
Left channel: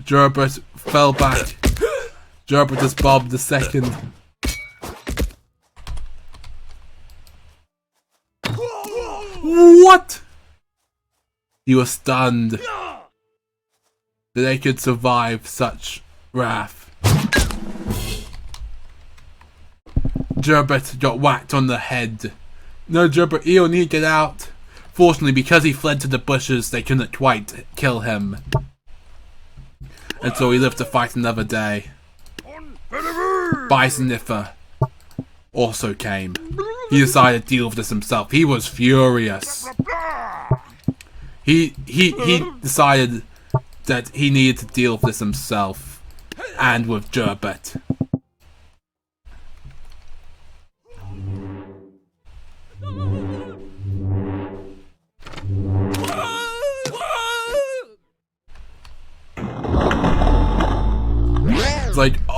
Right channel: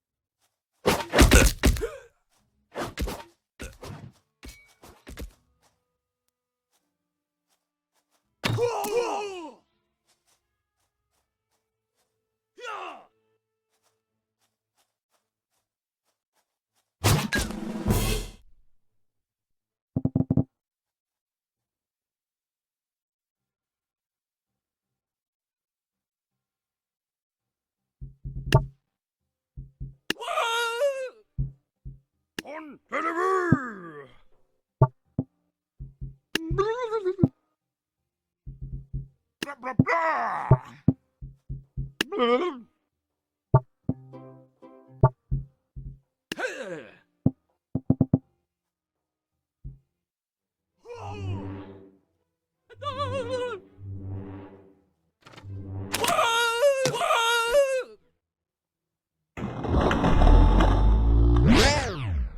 Gerbert fell back. Gerbert is Bob the second. What? He was stunned that they could survive such wrath. Gerbert got whacked on the head. No, Gerbert, you need to get out. Fortunately, because he fled to the bushes, they couldn't quite kill him. And so he lived to fight another day. Bison Sniffer also came. He decided to deal with this himself. He was furious. He decided that he needed to deal with this himself, and with Gerbert.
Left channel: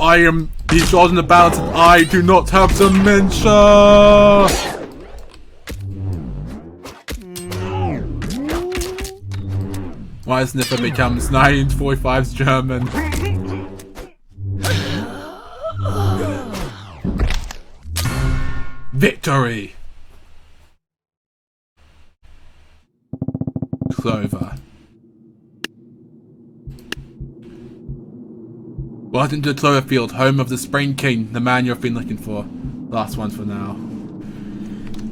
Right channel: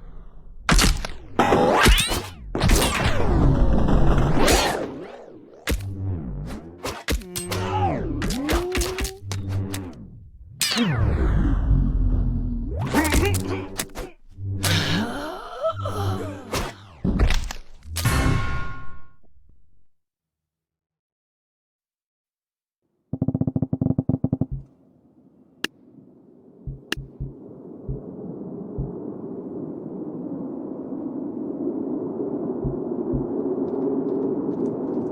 I am the god in the battle. I do not have dementia. Why Sniffer becomes 1945's German? Victory! Clover. Welcome to Cloverfield, home of the Spring King, the man you've been looking for. Last one for now.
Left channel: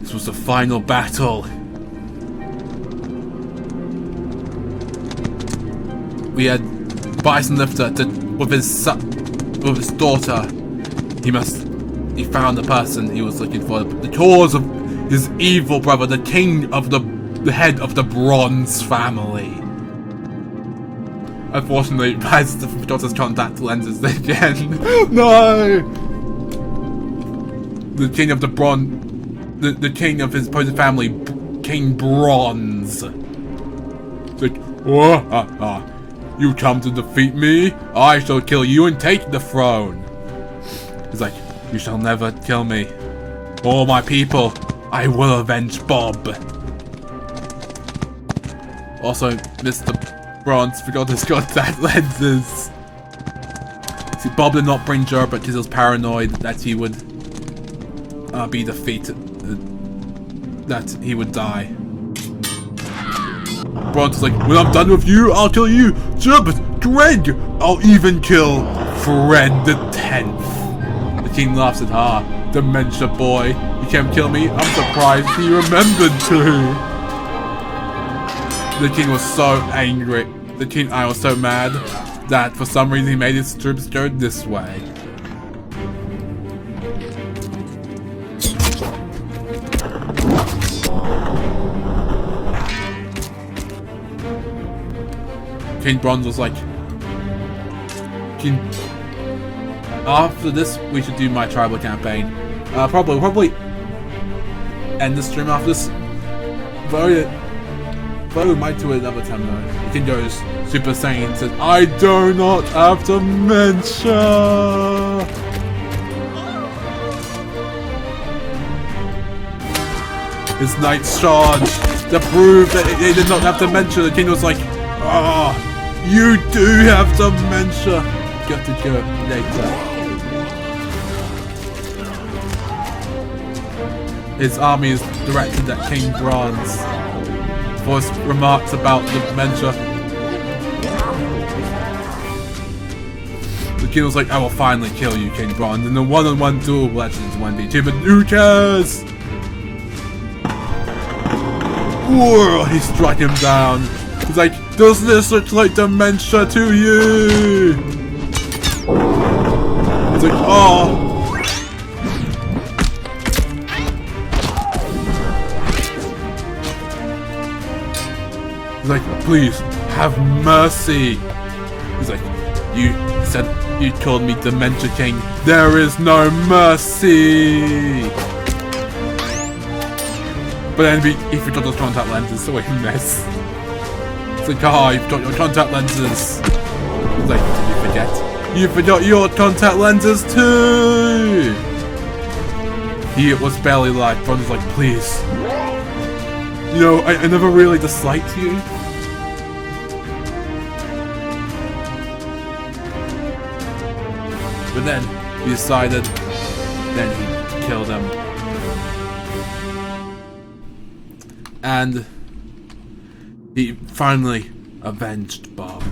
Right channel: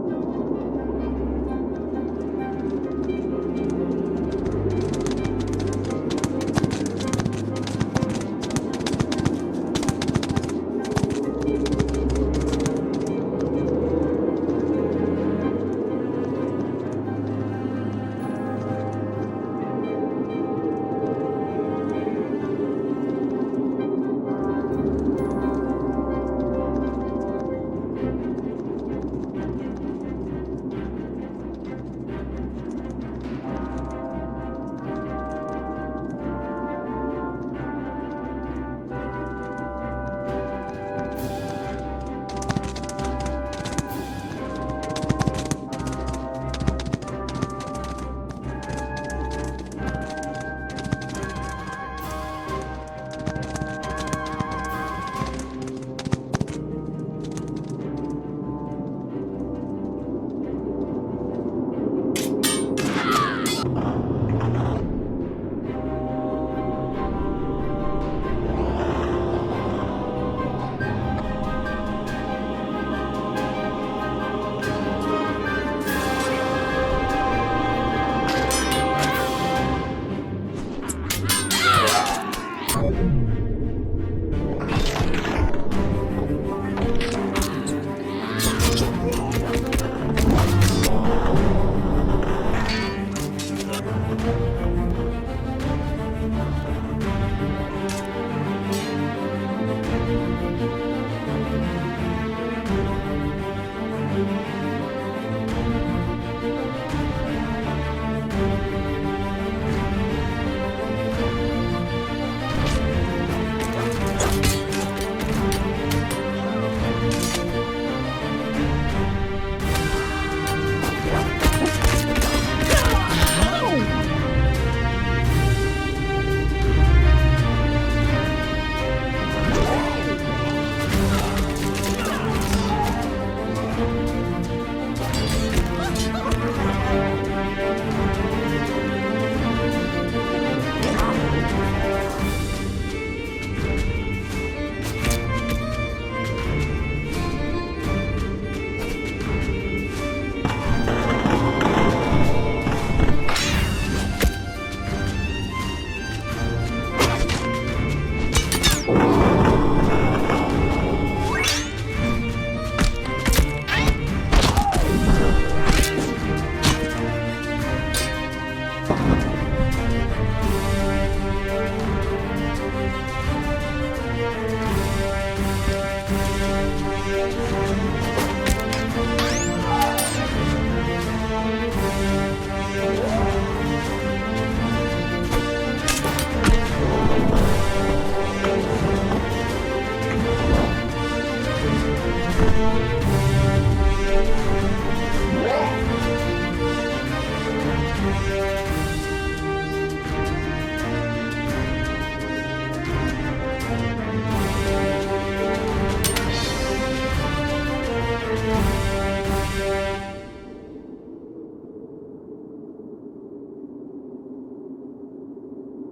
This was the final battle. We had Bison Lifter with his daughter. He found the person he was looking for. The cause of his evil brother, the king of the head of the Bronze family. Unfortunately, Bison forgot his contact lenses again. No! The king of the the king of his opposing family, King Bronze. Like, you come to defeat me? I shall kill you and take the throne. He's like, you shall never kill me. All my people, I will avenge Bob. Also, Mr. Bronze forgot his contact lenses. See, Bob did not bring Jer because he was paranoid that he would be defeated, that he would die. Bronze is like, when I'm done with you, I'll kill you. Sure, but Greg, I'll even kill Fred the 10th. The king laughs at her. Dementia boy. You can't kill me? I'm surprised he remembered to. The king was so angry. I was so mad that for some reason he made his troops go this way. King Bronze was like, after this, we should do my tribal campaign. Probably end the stream after this. But we might do it another time though. King goes Super Saiyan and says, I do not have dementia. His knights charge to prove that they did not have dementia. The king was like, ah, you do have dementia. Got to go later. His army is directed at King Bronze for his remarks about the dementia. The king was like, I will finally kill you, King Bronze, in the one-on-one duel Legends 1v2, but who cares? Whoa, he struck him down. He's like, does this look like dementia to you? He's like, oh. He's like, please, have mercy. He's like, you said you called me Dementia King. There is no mercy. But then he forgot those contact lenses, so he messed. It's like, oh, you've got your contact lenses. He's like, you forgot your contact lenses too. He was barely like, Bronze was like, please. You know, I never really disliked you. And then he decided then he'd kill them. And he finally avenged Bob.